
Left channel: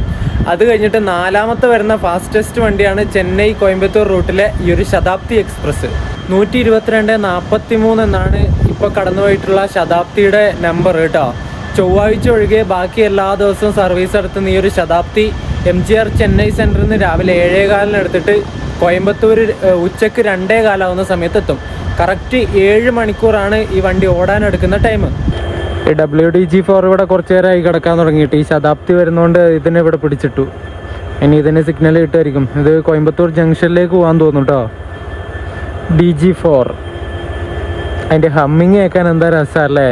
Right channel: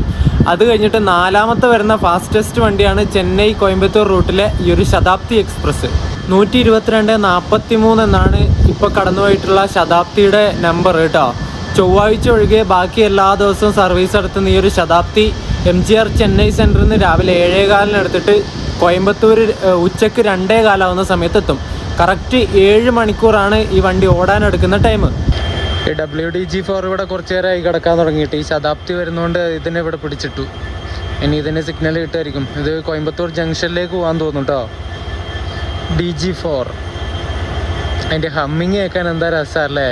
അത് കഴിഞ്ഞിട്ട് 4ാമത്തെ വരുന്ന ഫാസ്റ്റസ്റ്റ് വണ്ടിയാണ് ചെന്നൈ കോയമ്പത്തൂർ റൂട്ടിലെ ഈ ഒരു ശതാബ്ദി എക്സ്പ്രസ്. 122:43 എന്നാണ് ഇപ്പോൾ കടന്നുപോയിട്ടുള്ള ശതാബ്ദിയുടെ നമ്പർ കേട്ടോ. ചൊവ്വാഴ്ച ഒഴികെ ബാക്കി എല്ലാ ദിവസവും സർവീസ് നടത്തുന്ന ഈ ഒരു ശതാബ്ദി MGR ചെന്നൈ സെൻറ്ററിൽ നിന്ന് രാവിലെ 7:15 എടുത്തിട്ട് കോയമ്പത്തൂർ ഉച്ചയ്ക്ക് 2:15 ആവുന്ന സമയത്ത് എത്തും. കറക്റ്റ് 7 മണിക്കൂറാണ് ഈ വണ്ടി ഓടാനെടുക്കുന്ന ടൈം. WDG4 ഇവിടെ കുറച്ച് നേരമായി കിടക്കാൻ തുടങ്ങിയിട്ട് ഈ ശതാബ്ദി വരുന്നതുകൊണ്ട് ഇതിനെ ഇവിടെ പിടിച്ചിട്ടു. ഇനി ഇതിന് സിഗ്നൽ കിട്ടുമായിരിക്കും. ഇത് കോയമ്പത്തൂർ ജംഗ്ഷനിലേക്ക് പോകാൻ തോന്നും കേട്ടോ. DG4 അതിൻ്റെ ഹമ്മിങ് കേൾക്കാൻ എന്താ രസമല്ലേ.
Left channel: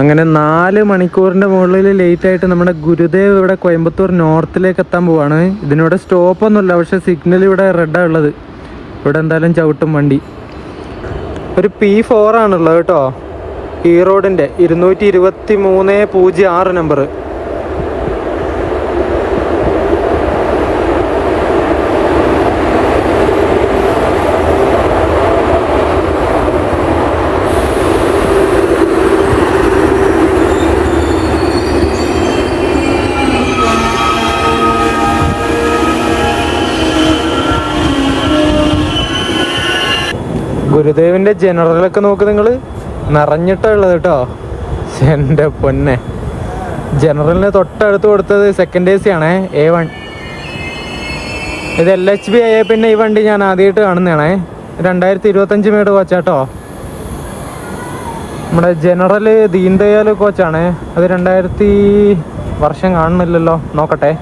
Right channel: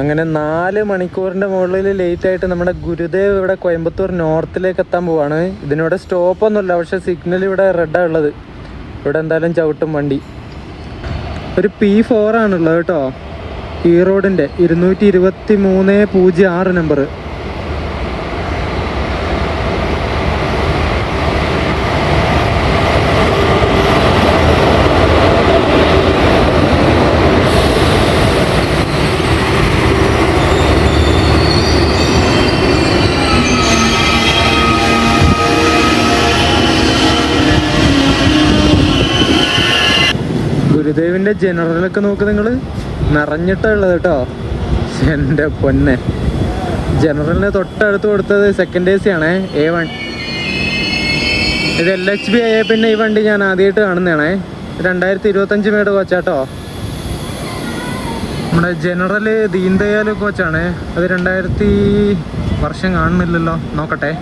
അങ്ങനെ 4 മണിക്കൂറിൻ്റെ മുകളിൽ ലേറ്റായിട്ട് നമ്മുടെ ഗുരുദേവ് ഇവിടെ കോയമ്പത്തൂർ നോർത്തിലേക്ക് എത്താൻ പോവാണ്. ഇതിനിവിടെ സ്റ്റോപ്പൊന്നുമില്ല, പക്ഷേ സിഗ്നൽ ഇവിടെ റെഡാണ് ഉള്ളത്. ഇവിടെ എന്തായാലും ചവിട്ടും വണ്ടി. ഒരു P4 ആണുള്ളത് കേട്ടോ. ഈ റോഡിൻ്റെ 22306 നമ്പർ. ഗുരുദേവിൻ്റെ ജനറലൊക്കെ നോക്ക് നിങ്ങൾ, നിറഞ്ഞിട്ടുള്ളത് കേട്ടോ. എൻ്റെ പൊന്നെ, ജനറലിന് തൊട്ടടുത്ത് കൊടുത്തത് സെക്കൻഡ് AC ആണേ, A1. ഇത് LHB ആയ പിന്നെ ഈ വണ്ടി ഞാൻ ആദ്യമായിട്ട് കാണുന്നതാണേ. 2025 മേട് കോച്ചാട്ടോ. നമ്മുടെ ജനറൽ ദീൻദയാൽ കോച്ചാണ്. അത് 2000 വർഷം കാണുന്നില്ലല്ലോ, നോക്കട്ടെ.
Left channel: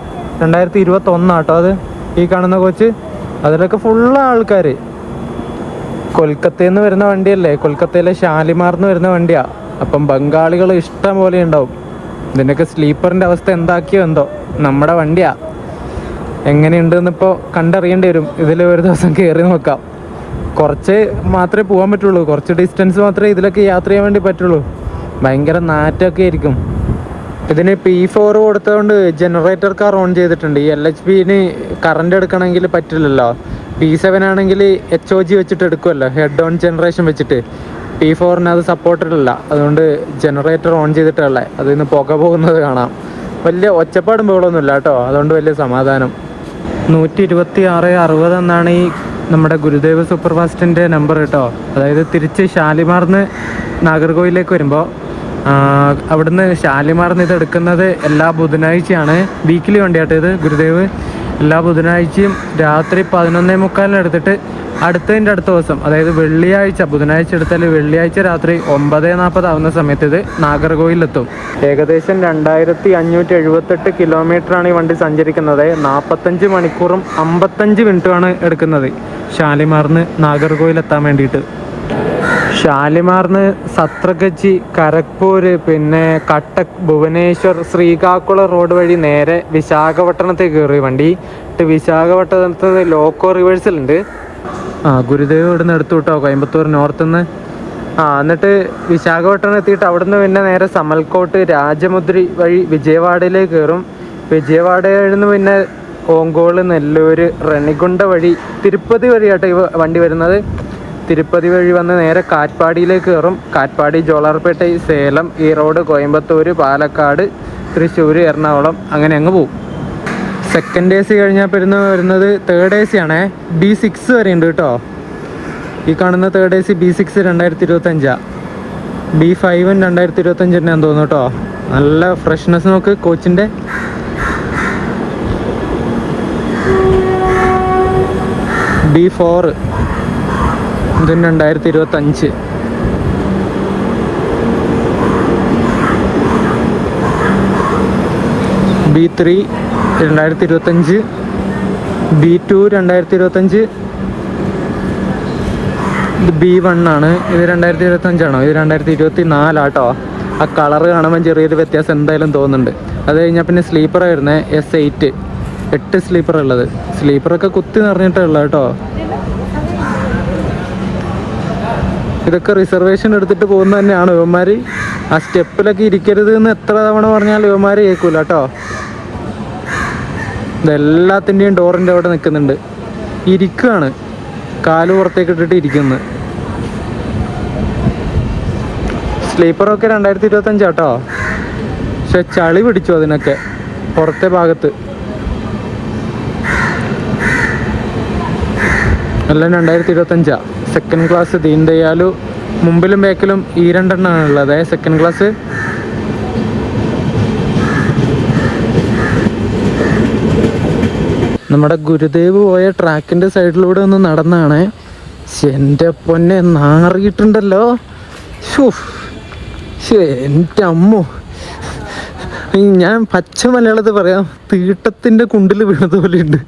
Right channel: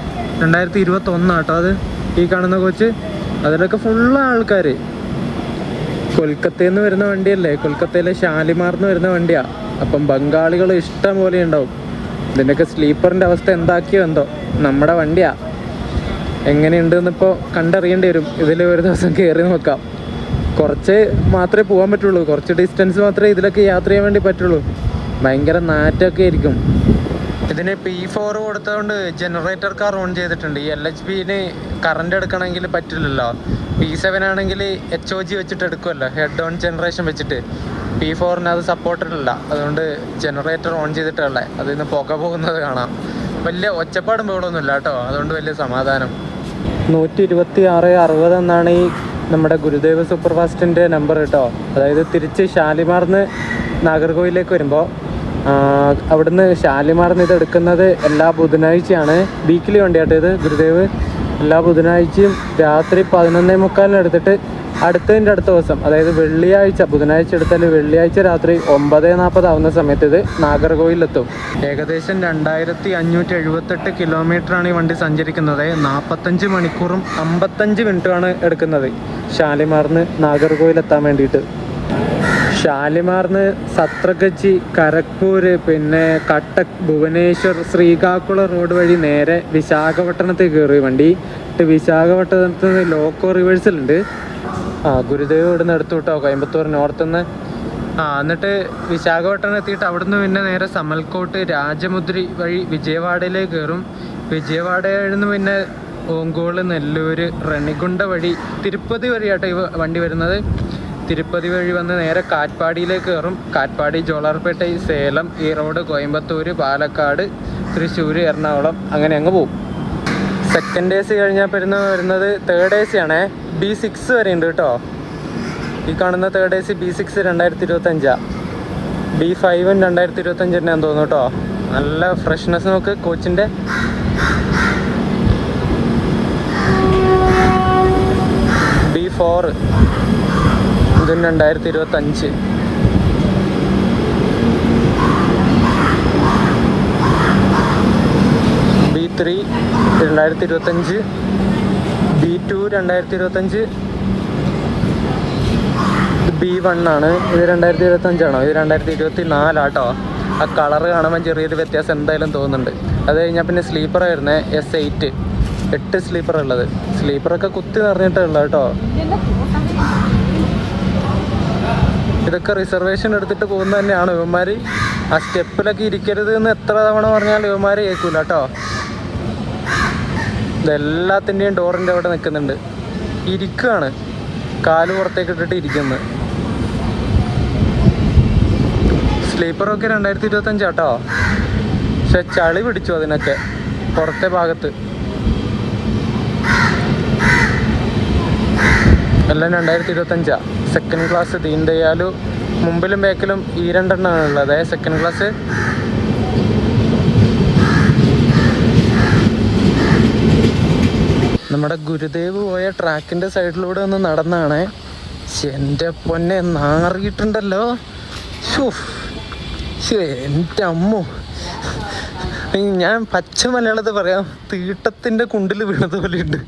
2021 ആട്ടോ അത് ഈ കാണുന്ന കോച്ച്. അതിലൊക്കെ ഫുള്ള് ആൾക്കാർ. കൊൽക്കത്തയിൽ നിന്ന് വരുന്ന വണ്ടിയല്ലേ, കൊൽക്കത്തയിലെ ഷാലിമാറിന്ന് വരുന്ന വണ്ടിയാണ്. അപ്പം ബംഗാളികൾ ഇഷ്ടം പോലെ ഉണ്ടാവും. ഇതിൻ്റെയൊക്കെ സ്ലീപ്പറിൻ്റെ അവസ്ഥ എന്താക്കിയോ എന്തോ. നമ്മുടെ വണ്ടിയാണ്, എങ്ങനെയുണ്ടെന്ന് ഇപ്പോൾ കണ്ടറിയേണ്ടി വരും. ഇതിൽ ഒരു ദിവസം കയറി നോക്കാം. കുറച്ച് മാത്രമേ പോകാൻ പറ്റുള്ളൂ, കുറച്ച് ഡിസ്റ്റൻസ് മാത്രമേ ഇതിലൊക്കെ യാത്ര ചെയ്യാൻ വേണ്ടി പറ്റുള്ളൂ. ഭയങ്കര നാറ്റൊക്കെ ആയിരിക്കും. ഇതിന് P4 കൊടുത്തതുകൊണ്ട് ജനറേറ്റർ കാർ ഓൺ ചെയ്തിട്ടുണ്ട്. ഈ LHBന് കറണ്ട് എടുക്കണമെങ്കിൽ പറ്റില്ലല്ലോ. P7 ആണെങ്കിൽ HOG വെച്ചിട്ട് എടുക്കുമല്ലോ, ഹെഡ് ഓൺ ജനറേഷൻ വെച്ചിട്ട്. P4ന് അത് സപ്പോർട്ടഡ് അല്ല, അതുകൊണ്ട് ജനറേറ്റർ ഓൺ ചെയ്തിട്ടുള്ള അതിൽ നിന്ന് പുക പോകുന്നത് കാണാം. വലിയ ഒച്ചപ്പാടും ബഹളമൊന്നുമില്ല കേട്ടോ, അതുകൊണ്ട് വലിയ സമാധാനം. 12660 എന്നാണ് ഈ നമ്മുടെ ഗുരുദേവ് സൂപ്പർ ഫാസ്റ്റിൻ്റെ നമ്പർ കേട്ടോ. അതായത് തിരിച്ച് ഷാലിമാറിന്ന് നാഗർകോയിലേക്ക് വരുമ്പോൾ അവിടുന്ന് ഷാലിമാറിന്ന് ഇത് എടുക്കുന്നത് എല്ലാ ബുധനാഴ്ചയാണ്. വീക്കിലി വണ്ടിയാട്ടോ ഇത് ഗുരുദേവ്. എല്ലാ ബുധനാഴ്ചയും രാത്രി 11:45 എടുത്തിട്ട് അടുത്തതിൻ്റെ അടുത്ത ദിവസം, അതായത് വെള്ളിയാഴ്ച, ബുധനാഴ്ച എടുത്താൽ വെള്ളിയാഴ്ച രാത്രി 9:40 ആവുന്ന സമയത്ത് ഇത് നാഗർകോയിലെത്തും. ഏകദേശം 2578 കിലോമീറ്ററാണ് ഈ വണ്ടി സഞ്ചരിക്കുന്നത്. 45 മണിക്കൂറും 55 മിനിറ്റുമാണ് എടുക്കുന്നത് ഷാലിമാറിന് നാഗർകോയിലെത്താൻ വേണ്ടിയിട്ട്. ഷാലിമാറിന് സത്രഗച്ചി, കരഗ്പൂർ, പിന്നെ കട്ടക്, ഭുവനേശ്വർ, ശ്രീകാക്കുളം റോഡ് വഴി നേരെ വിശാഖപട്ടണത്തേക്ക് കയറി വണ്ടി. വിശാഖപട്ടണത്ത് ലോക്കോ റിവേഴ്സൽ ഉണ്ട്. ഗുരുദേവ് ഇവിടെ നിന്ന് എടുത്തു കേട്ടോ, കോയമ്പത്തൂർ നോർത്തുനിന്ന്. എന്നിട്ട് വിശാഖപട്ടണം എത്തിയിട്ട് അവിടുന്ന് പിന്നെ നേരെ സമൽക്കോട്ട്, രാജമുദ്രി വഴി വിജയവാഡയിലേക്ക് കയറും. വിജയവാഡയിൽ നിന്ന് പിന്നെ ഓങ്കോള്, നെല്ലൂര്, റെണിഗുണ്ട വഴി തിരുപ്പതി വഴിയാട്ടോ ഈ വണ്ടി വരുന്നത്. തിരുപ്പതി വഴി വന്ന് നേരെ കാറ്റ്പാടിയിലേക്ക് കയറും. കാറ്റ്പാടി, ജോളാർപേട്ട, സേലം, ഈറോഡ്, കോയമ്പത്തൂർ, പാലക്കാട്, തൃശ്ശൂർ, എറണാകുളം, അങ്ങനെ അങ്ങ് പോകും. സെക്കൻഡ് AC കഴിഞ്ഞാൽ വരുന്നത് തേർഡ് AC ആണേ. B6 വരെ ഉണ്ട് കേട്ടോ. ഈ കാണുന്ന തേർഡ് AC B6 2025. B5 2025 തന്നെയാന്ന് തോന്നുന്നു കേട്ടോ. നല്ല ഫ്രഷ്നെസ് നോക്ക് കോച്ചിൻ്റെ. B4 2025. B3 2025. B2 2025. B1 ആണ്. ഇത് 2025 ആണോ? ഇത് 2024 ആട്ടോ. ആ കളറ് കാണുമ്പോൾ ചെറിയൊരു വ്യത്യാസം എന്തായാലും തോന്നുന്നുണ്ട്. അത് കഴിഞ്ഞാൽ പിന്നെ സ്ലീപ്പർ വരുന്നത് S8. 8 സ്ലീപ്പർ ഉള്ളത്. സ്ലീപ്പറൊക്കെ കുത്തി നിറഞ്ഞിട്ടുള്ള കേട്ടോ. ഇതൊക്കെ റിസർവേഷൻ എടുത്തിട്ട് പോകുന്ന തന്നെയാണ് ഇവന്മാർ. ആ സ്റ്റെപ്പിലൊക്കെ ഇരിക്കരുത് എന്ന് എത്ര തവണ പറഞ്ഞാൽ ഇവന്മാർ കേൾക്കൂല കേട്ടോ. എല്ലാത്തിൻ്റെയും ഡോറിൻ്റെ അവിടെ നിൽക്കുന്നുണ്ട്. ഇരിക്കുകയാണ്, കാല് പുറത്തേക്ക് ഇട്ടിട്ട് ഇരിക്കുന്നത്. സ്ലീപ്പറൊക്കെ 2025 കേട്ടോ. പക്ഷെ ചളി പിടിച്ചു അതിനൊക്കെ പുറത്തെ ഭാഗത്ത്. എല്ലാം 2025. സെക്കൻഡ് ക്ലാസ് ദീൻ ദയാലു. മുമ്പിലും ബാക്കിലും ഈ 2 എണ്ണമാണ് ഉള്ളത് സെക്കൻഡ് ക്ലാസ്. നമ്മുടെ ഗുരുദേവ് പോയ ട്രാക്കിൻ്റെ സൈഡിലൂടെ ഒന്ന് നടന്നാണ്. എൻ്റെ പൊന്നെ നാറിയിട്ടുണ്ടല്ലോ. എൻ്റെ അമ്മോ, ഞാൻ പച്ച മലയാളത്തിൽ പറയാം, തീട്ടത്തിൻ്റെ കുണ്ടിൽ വീണത് പോലെ ഉണ്ട്.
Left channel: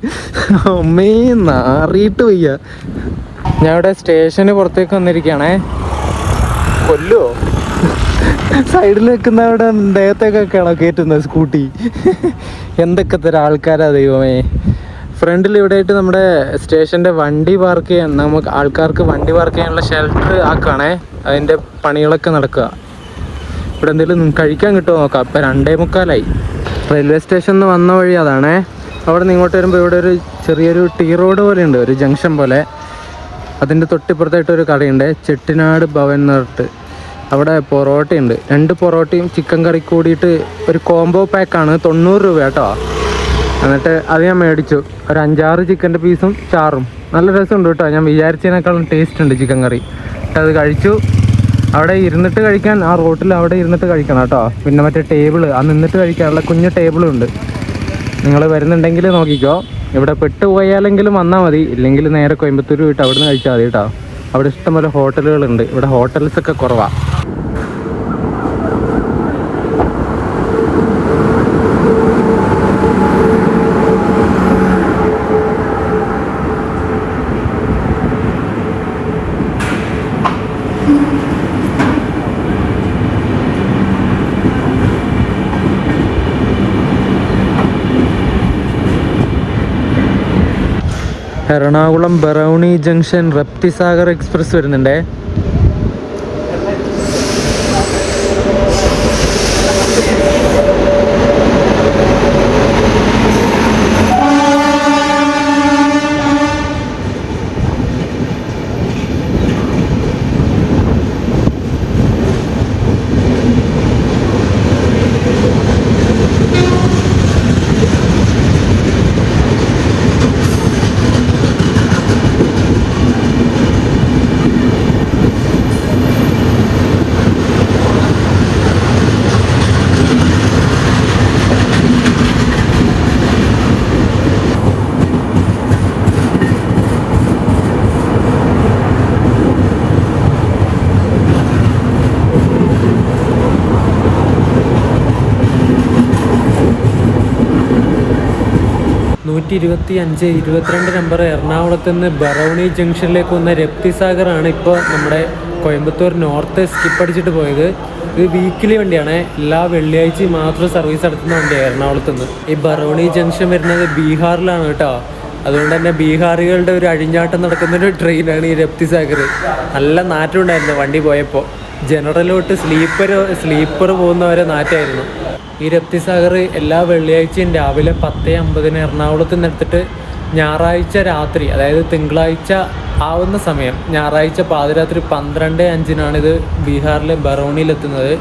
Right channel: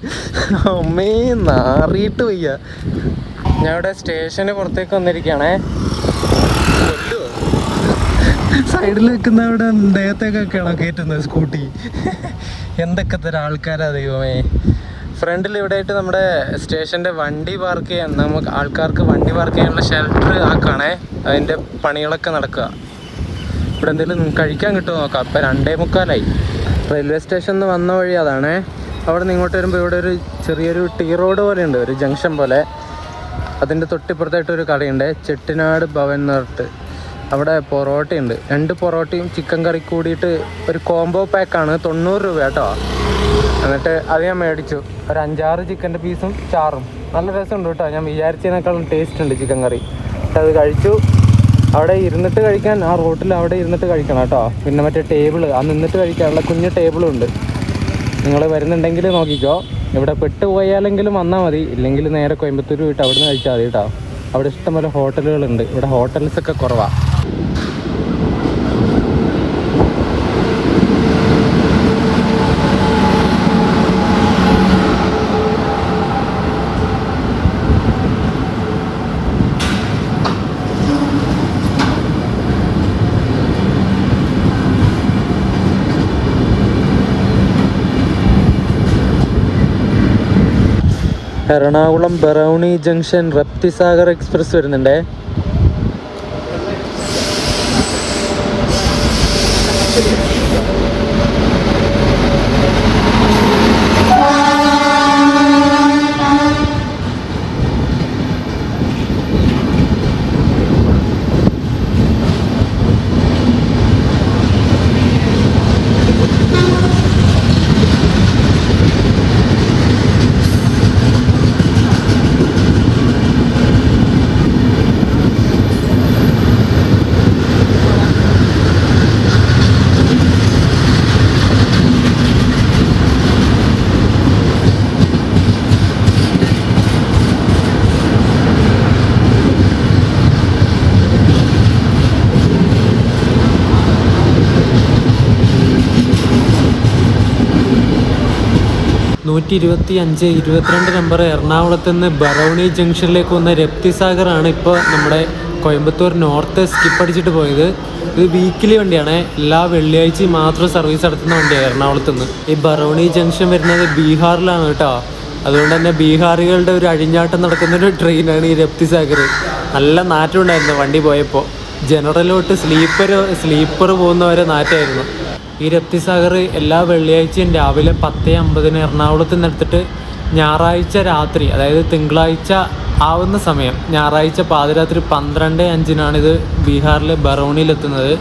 അമ്മേ നാറിയിട്ട് വയ്യ. ഞാൻ ഇവിടെ സ്റ്റേഷന് പുറത്തേക്ക് വന്നിരിക്കുകയാണേ. കൊല്ലോ സൈഡിൽ വെക്കുന്ന അവിടെ ദേഹത്തേക്കൊക്കെയാണോ കയറ്റുന്നത് സ്കൂട്ടി? എന്തൊക്കെ തരം ആൾക്കാരാ ദൈവമേ. ഫ്രണ്ടിൽ ഇവിടെ ആയിട്ട് നമ്മുടെ സ്റ്റേഷൻ്റെ വണ്ടി പാർക്ക് ചെയ്യാൻ, നമുക്ക് ആൾക്കാർക്ക് വണ്ടി പാർക്ക് ചെയ്യാനുള്ള ഷെൽട്ടർ ആക്കുകയാണേ. അതിൻ്റെ പണികളൊക്കെ നടക്കുക. ഇവിടെ എന്തെങ്കിലും കഴിക്കാൻ കിട്ടുമോ നോക്കാം. ഇപ്പം 2:45. റെയിൽവേ സ്റ്റേഷനിൽ നിന്ന് വന്ന വഴി അതാണേ. അവിടെ നിന്ന് ഇങ്ങോട്ട് വരുമ്പോൾ ഇവിടെ ഒരു ചെറിയൊരു ടീ റോഡ് പോലെ ഉണ്ട്, ഒരു ജംഗ്ഷൻ പോലെ. അതിൻ്റെ തൊട്ടിപ്പുറത്തായിട്ടൊരു കടയുണ്ട്, ചെട്ടിനാട് ഭവൻ എന്ന് പറഞ്ഞിട്ട്. അവിടെ പൊറോട്ടയുണ്ട്. 2 പൊറോട്ടയും ചിക്കൻ കറി കൂടിയിട്ട് ഒരു കോംബോ പാക്കാണ്, 90 രൂപ കേട്ടോ. എന്നിട്ട് അത് ഞാൻ മേടിച്ചു. ഒരു 5-6 ചിക്കൻ്റെ പീസും ചാറും. നല്ല രസമുണ്ട് കേട്ടോ. ഞാൻ വിചാരിച്ചതിനേക്കാളും ടേസ്റ്റ് ഉണ്ട് ചിക്കൻ കറി. അത് കഴിച്ചു. അവിടെ ഇരുന്നിട്ട് കഴിക്കാൻ, ആ റോട്ടിൽ അവിടെ ഇരുന്നിട്ട് കഴിക്കണം കേട്ടോ. പിന്നെ മറ്റേ ടേബിള്, ആ നിന്നിട്ട് കഴിക്കാനുള്ള കുഞ്ഞ് ടേബിളും ഉണ്ട്. നിങ്ങൾ വരുന്നുണ്ടെങ്കിൽ നോക്കിക്കോ. ഇവിടെ പെട്ടുപോയാലെങ്കിലും വന്നാൽ മതി, ഇല്ലെങ്കിൽ നേരെ കോയമ്പത്തൂർ പോയിട്ട് അവിടെ നിന്ന് കഴിച്ചാൽ മതി കേട്ടോ. അവിടെ ഇഷ്ടംപോലെ ഹോട്ടലുകളുണ്ട്. ഇവിടെ ഹോട്ടൽസൊക്കെ കുറവാണ്. എറണാകുളം ബറൗണി ജംഗ്ഷൻ റപ്തിസാഗർ എക്സ്പ്രസ് വരുന്നുണ്ടേ. നൂറ്റി 22 നമ്പർ എറണാകുളത്ത് നിന്ന് ബറൗണി ജംഗ്ഷനിലേക്ക് വന്ന രപ്തിസാഗറാണ് ഇപ്പോൾ നമ്മുടെ കോയമ്പത്തൂർ നോർത്ത് സ്കിപ്പ് അടിച്ചിട്ട് പോയത്. ഇത് വീക്കിലി വണ്ടിയാണ്, എല്ലാ വെള്ളിയാഴ്ചയും മാത്രം സർവീസ് നടത്തുന്ന വണ്ടിയാണ് എറണാകുളത്ത് നിന്ന്. ഈ ബറൗണി ജംഗ്ഷൻ വരുന്നത് ബീഹാറിലാണ് കേട്ടോ. അതുകൊണ്ട് തന്നെ ബീഹാറികളുടെ ഒരു അഴിഞ്ഞാട്ടം നടക്കുന്നൊരു ട്രെയിനാണ് ഈ രപ്തിസാഗർ. നല്ല നാറ്റം ഉണ്ടായിരുന്നു വണ്ടി പോയപ്പോൾ. ജനറലോട്ട് സ്ലീപ്പർ പോകുന്നവരെ നാറ്റമായിരുന്നു. ഈ രപ്തിസാഗർ എല്ലാ വെള്ളിയാഴ്ചയും രാവിലെ 10:50 എറണാകുളത്ത് നിന്ന് എടുത്തിട്ട് ഞായറാഴ്ച രാത്രി, അതായത് തിങ്കളാഴ്ച ആവുന്ന സമയം, ഞായറാഴ്ച പാതിരാത്രി 12:05 ഇത് ബീഹാറിലെ ബറൗണിയിലെത്തുന്നത്.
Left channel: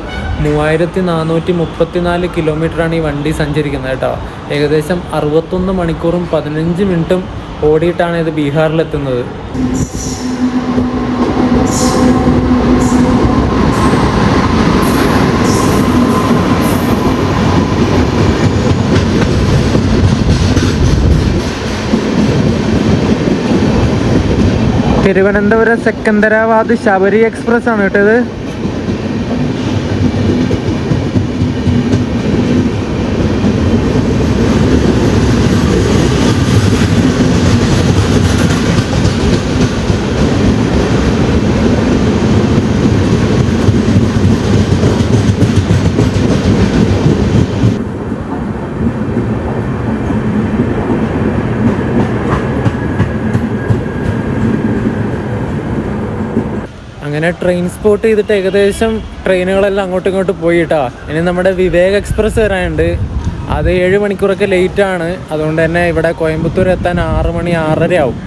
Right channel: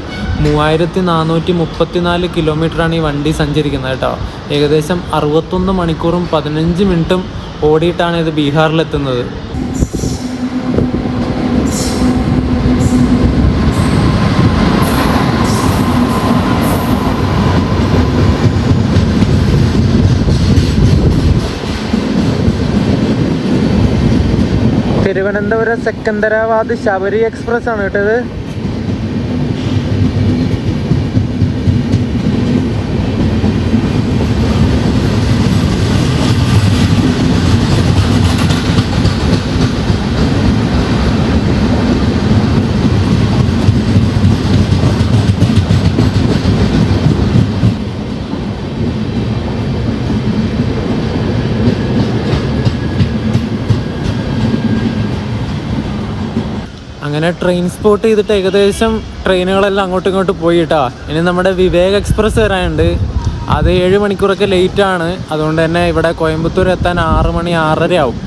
3434 കിലോമീറ്ററാണ് ഈ വണ്ടി സഞ്ചരിക്കുന്നത് കേട്ടോ. ഏകദേശം 61 മണിക്കൂറും 15 മിനിറ്റും ഓടിയിട്ടാണ് ഇത് ബീഹാറിലെത്തുന്നത്. തിരുവനന്തപുരം സെക്കന്ദരാബാദ് ശബരി എക്സ്പ്രസ് ആണ് കേട്ടത്. അങ്ങനെ ട്രെയിൻ സ്പോട്ട് ചെയ്തിട്ട് ഏകദേശം ട്രെയിനുകളെല്ലാം അങ്ങോട്ടും ഇങ്ങോട്ടും പോയിട്ടാ. ഇനി നമ്മുടെ വിവേക് എക്സ്പ്രസ് വരാനുണ്ട്. അത് 7 മണിക്കൂറൊക്കെ ലേറ്റാണ്. അതുകൊണ്ട് തന്നെ ഇവിടെ കോയമ്പത്തൂർ എത്താൻ 6 മണി 6:30 ആവും.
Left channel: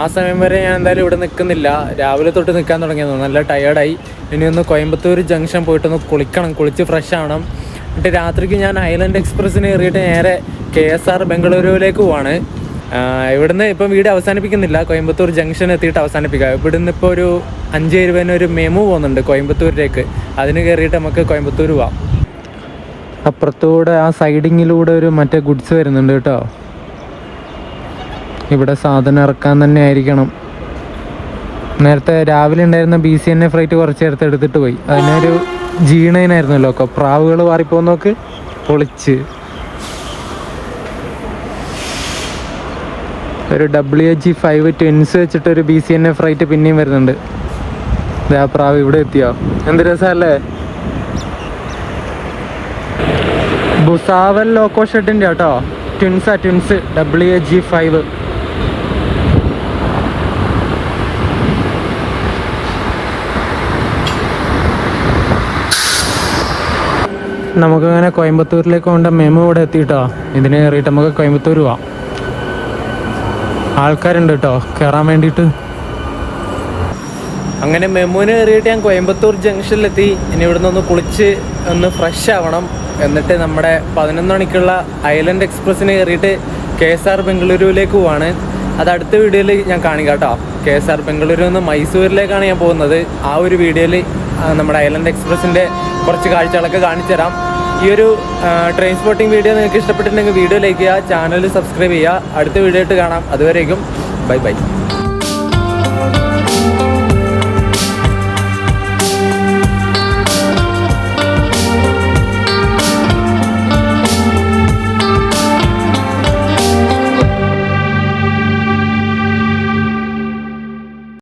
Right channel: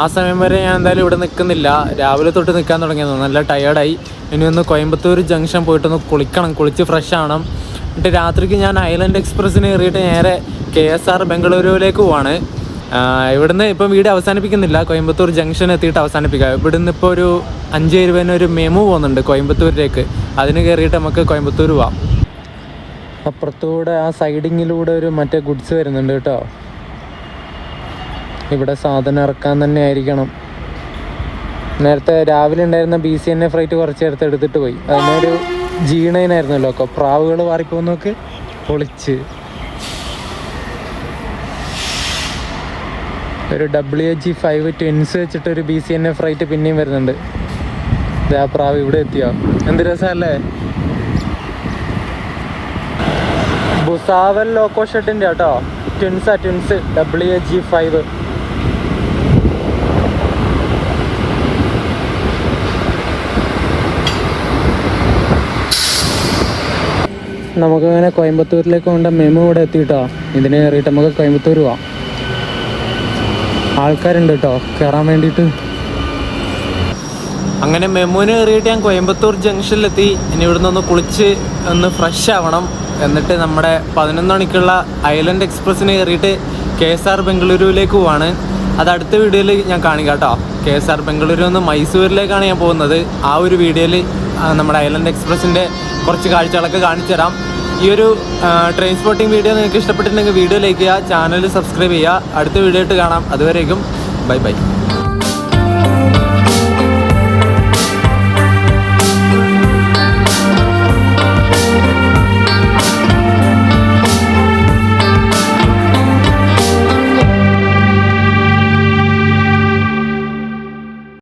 ആ സമയം വരെ ഞാൻ എന്തായാലും ഇവിടെ നിൽക്കുന്നില്ല. രാവിലെ തൊട്ട് നിൽക്കാൻ തുടങ്ങിയത്, നല്ല ടയേർഡായി. ഇനി ഒന്ന് കോയമ്പത്തൂർ ജംഗ്ഷൻ പോയിട്ടൊന്ന് കുളിക്കണം, കുളിച്ച് ഫ്രഷ് ആവണം. എന്നിട്ട് രാത്രിക്ക് ഞാൻ ഐലൻഡ് എക്സ്പ്രസ്സിന് കയറിയിട്ട് നേരെ KSR ബംഗളൂരുവിലേക്ക് പോവാണ്. ഇവിടുന്ന് ഇപ്പം വീഡിയോ അവസാനിപ്പിക്കുന്നില്ല, കോയമ്പത്തൂർ ജംഗ്ഷൻ എത്തിയിട്ട് അവസാനിപ്പിക്കാം. ഇവിടുന്ന് ഇപ്പോൾ ഒരു 5:20 ഒരു മെമു പോകുന്നുണ്ട് കോയമ്പത്തൂരിലേക്ക്. അതിന് കയറിയിട്ട് നമുക്ക് കോയമ്പത്തൂർ പോവാം. അപ്പുറത്തൂടെ ആ സൈഡിങ്ങിലൂടെ ഒരു മറ്റേ ഗുഡ്സ് വരുന്നുണ്ട് കേട്ടോ. ഇവിടെ സാധനം ഇറക്കാൻ തന്നെ ആയിരിക്കണം. നേരത്തെ രാവിലെ ഉണ്ടായിരുന്ന BCNA ഫ്ലൈറ്റ് കുറച്ച് നേരത്തെ എടുത്തിട്ട് പോയി. അതിനൊരു G9 ആയിരുന്നല്ലോ ഒക്കെ. പ്രാവുകൾ മാറിപ്പോന്നോക്ക് പൊളിച്ച്. ഒരു WH5 ട്വിൻസ് വെച്ചിട്ടൊരു BCNA ഫ്ലൈറ്റ് പിന്നെയും വരുന്നുണ്ട്. ആ പ്രാവ് ഇവിടെ എത്തിയോ, എന്ത് രസമല്ലേ. ഭുസാവൽ ലോക്കോ ഷെഡിൻ്റെ കേട്ടോ, ട്വിൻസ് WH5. നമുക്കങ്ങനെ കോയമ്പത്തൂരിലേക്ക് കൊണ്ട് മെമു ഇവിടെ എത്തിയിട്ടോ. ഇതിന് കയറിയിട്ട് നമുക്ക് കോയമ്പത്തൂർ പോവാം. ആൾക്കാരുണ്ട് കേട്ടോ കയറാൻ വേണ്ടിയിട്ട്. അങ്ങനെ മെമുവിന് കയറിയിട്ട് ഞാൻ കോയമ്പത്തൂർ ജംഗ്ഷനിലെത്തി. ഇനി ഇവിടുന്ന് ഒന്ന് കുളിച്ച് ഒന്ന് ഫ്രഷ് ആവണം. എന്നിട്ട് നമ്മുടെ 11 മണിക്കുള്ള ഐലൻഡ് എക്സ്പ്രസ്സിന് കയറിയിട്ട് KSR ബംഗളൂരുവിലേക്ക് പോവാണ്. അത് അടുത്ത വീഡിയോയിൽ ഞാൻ കാണിക്കാം കേട്ടോ. KSR ബംഗളൂരു നിന്ന് മൈസൂരിലേക്കാണ് ഞാൻ പോകുന്നത്. ആ ഒരു വീഡിയോയിൽ നമ്മുടെ ഐലൻഡ് എക്സ്പ്രസ്സിൻ്റെ കുറച്ച് കാഴ്ചകളൊക്കെ കാണിച്ചു തരാം. ഈ ഒരു ട്രെയിൻ സ്പോട്ടിംഗ് വീഡിയോ നിങ്ങൾക്ക് ഇഷ്ടപ്പെട്ടിട്ടുണ്ടെങ്കിൽ വീഡിയോ ലൈക്ക് ചെയ്യുക, ചാനൽ സബ്സ്ക്രൈബ് ചെയ്യുക. അടുത്ത വീഡിയോ ആയിട്ട് കാണാം. അതുവരേക്കും ബൈ ബൈ.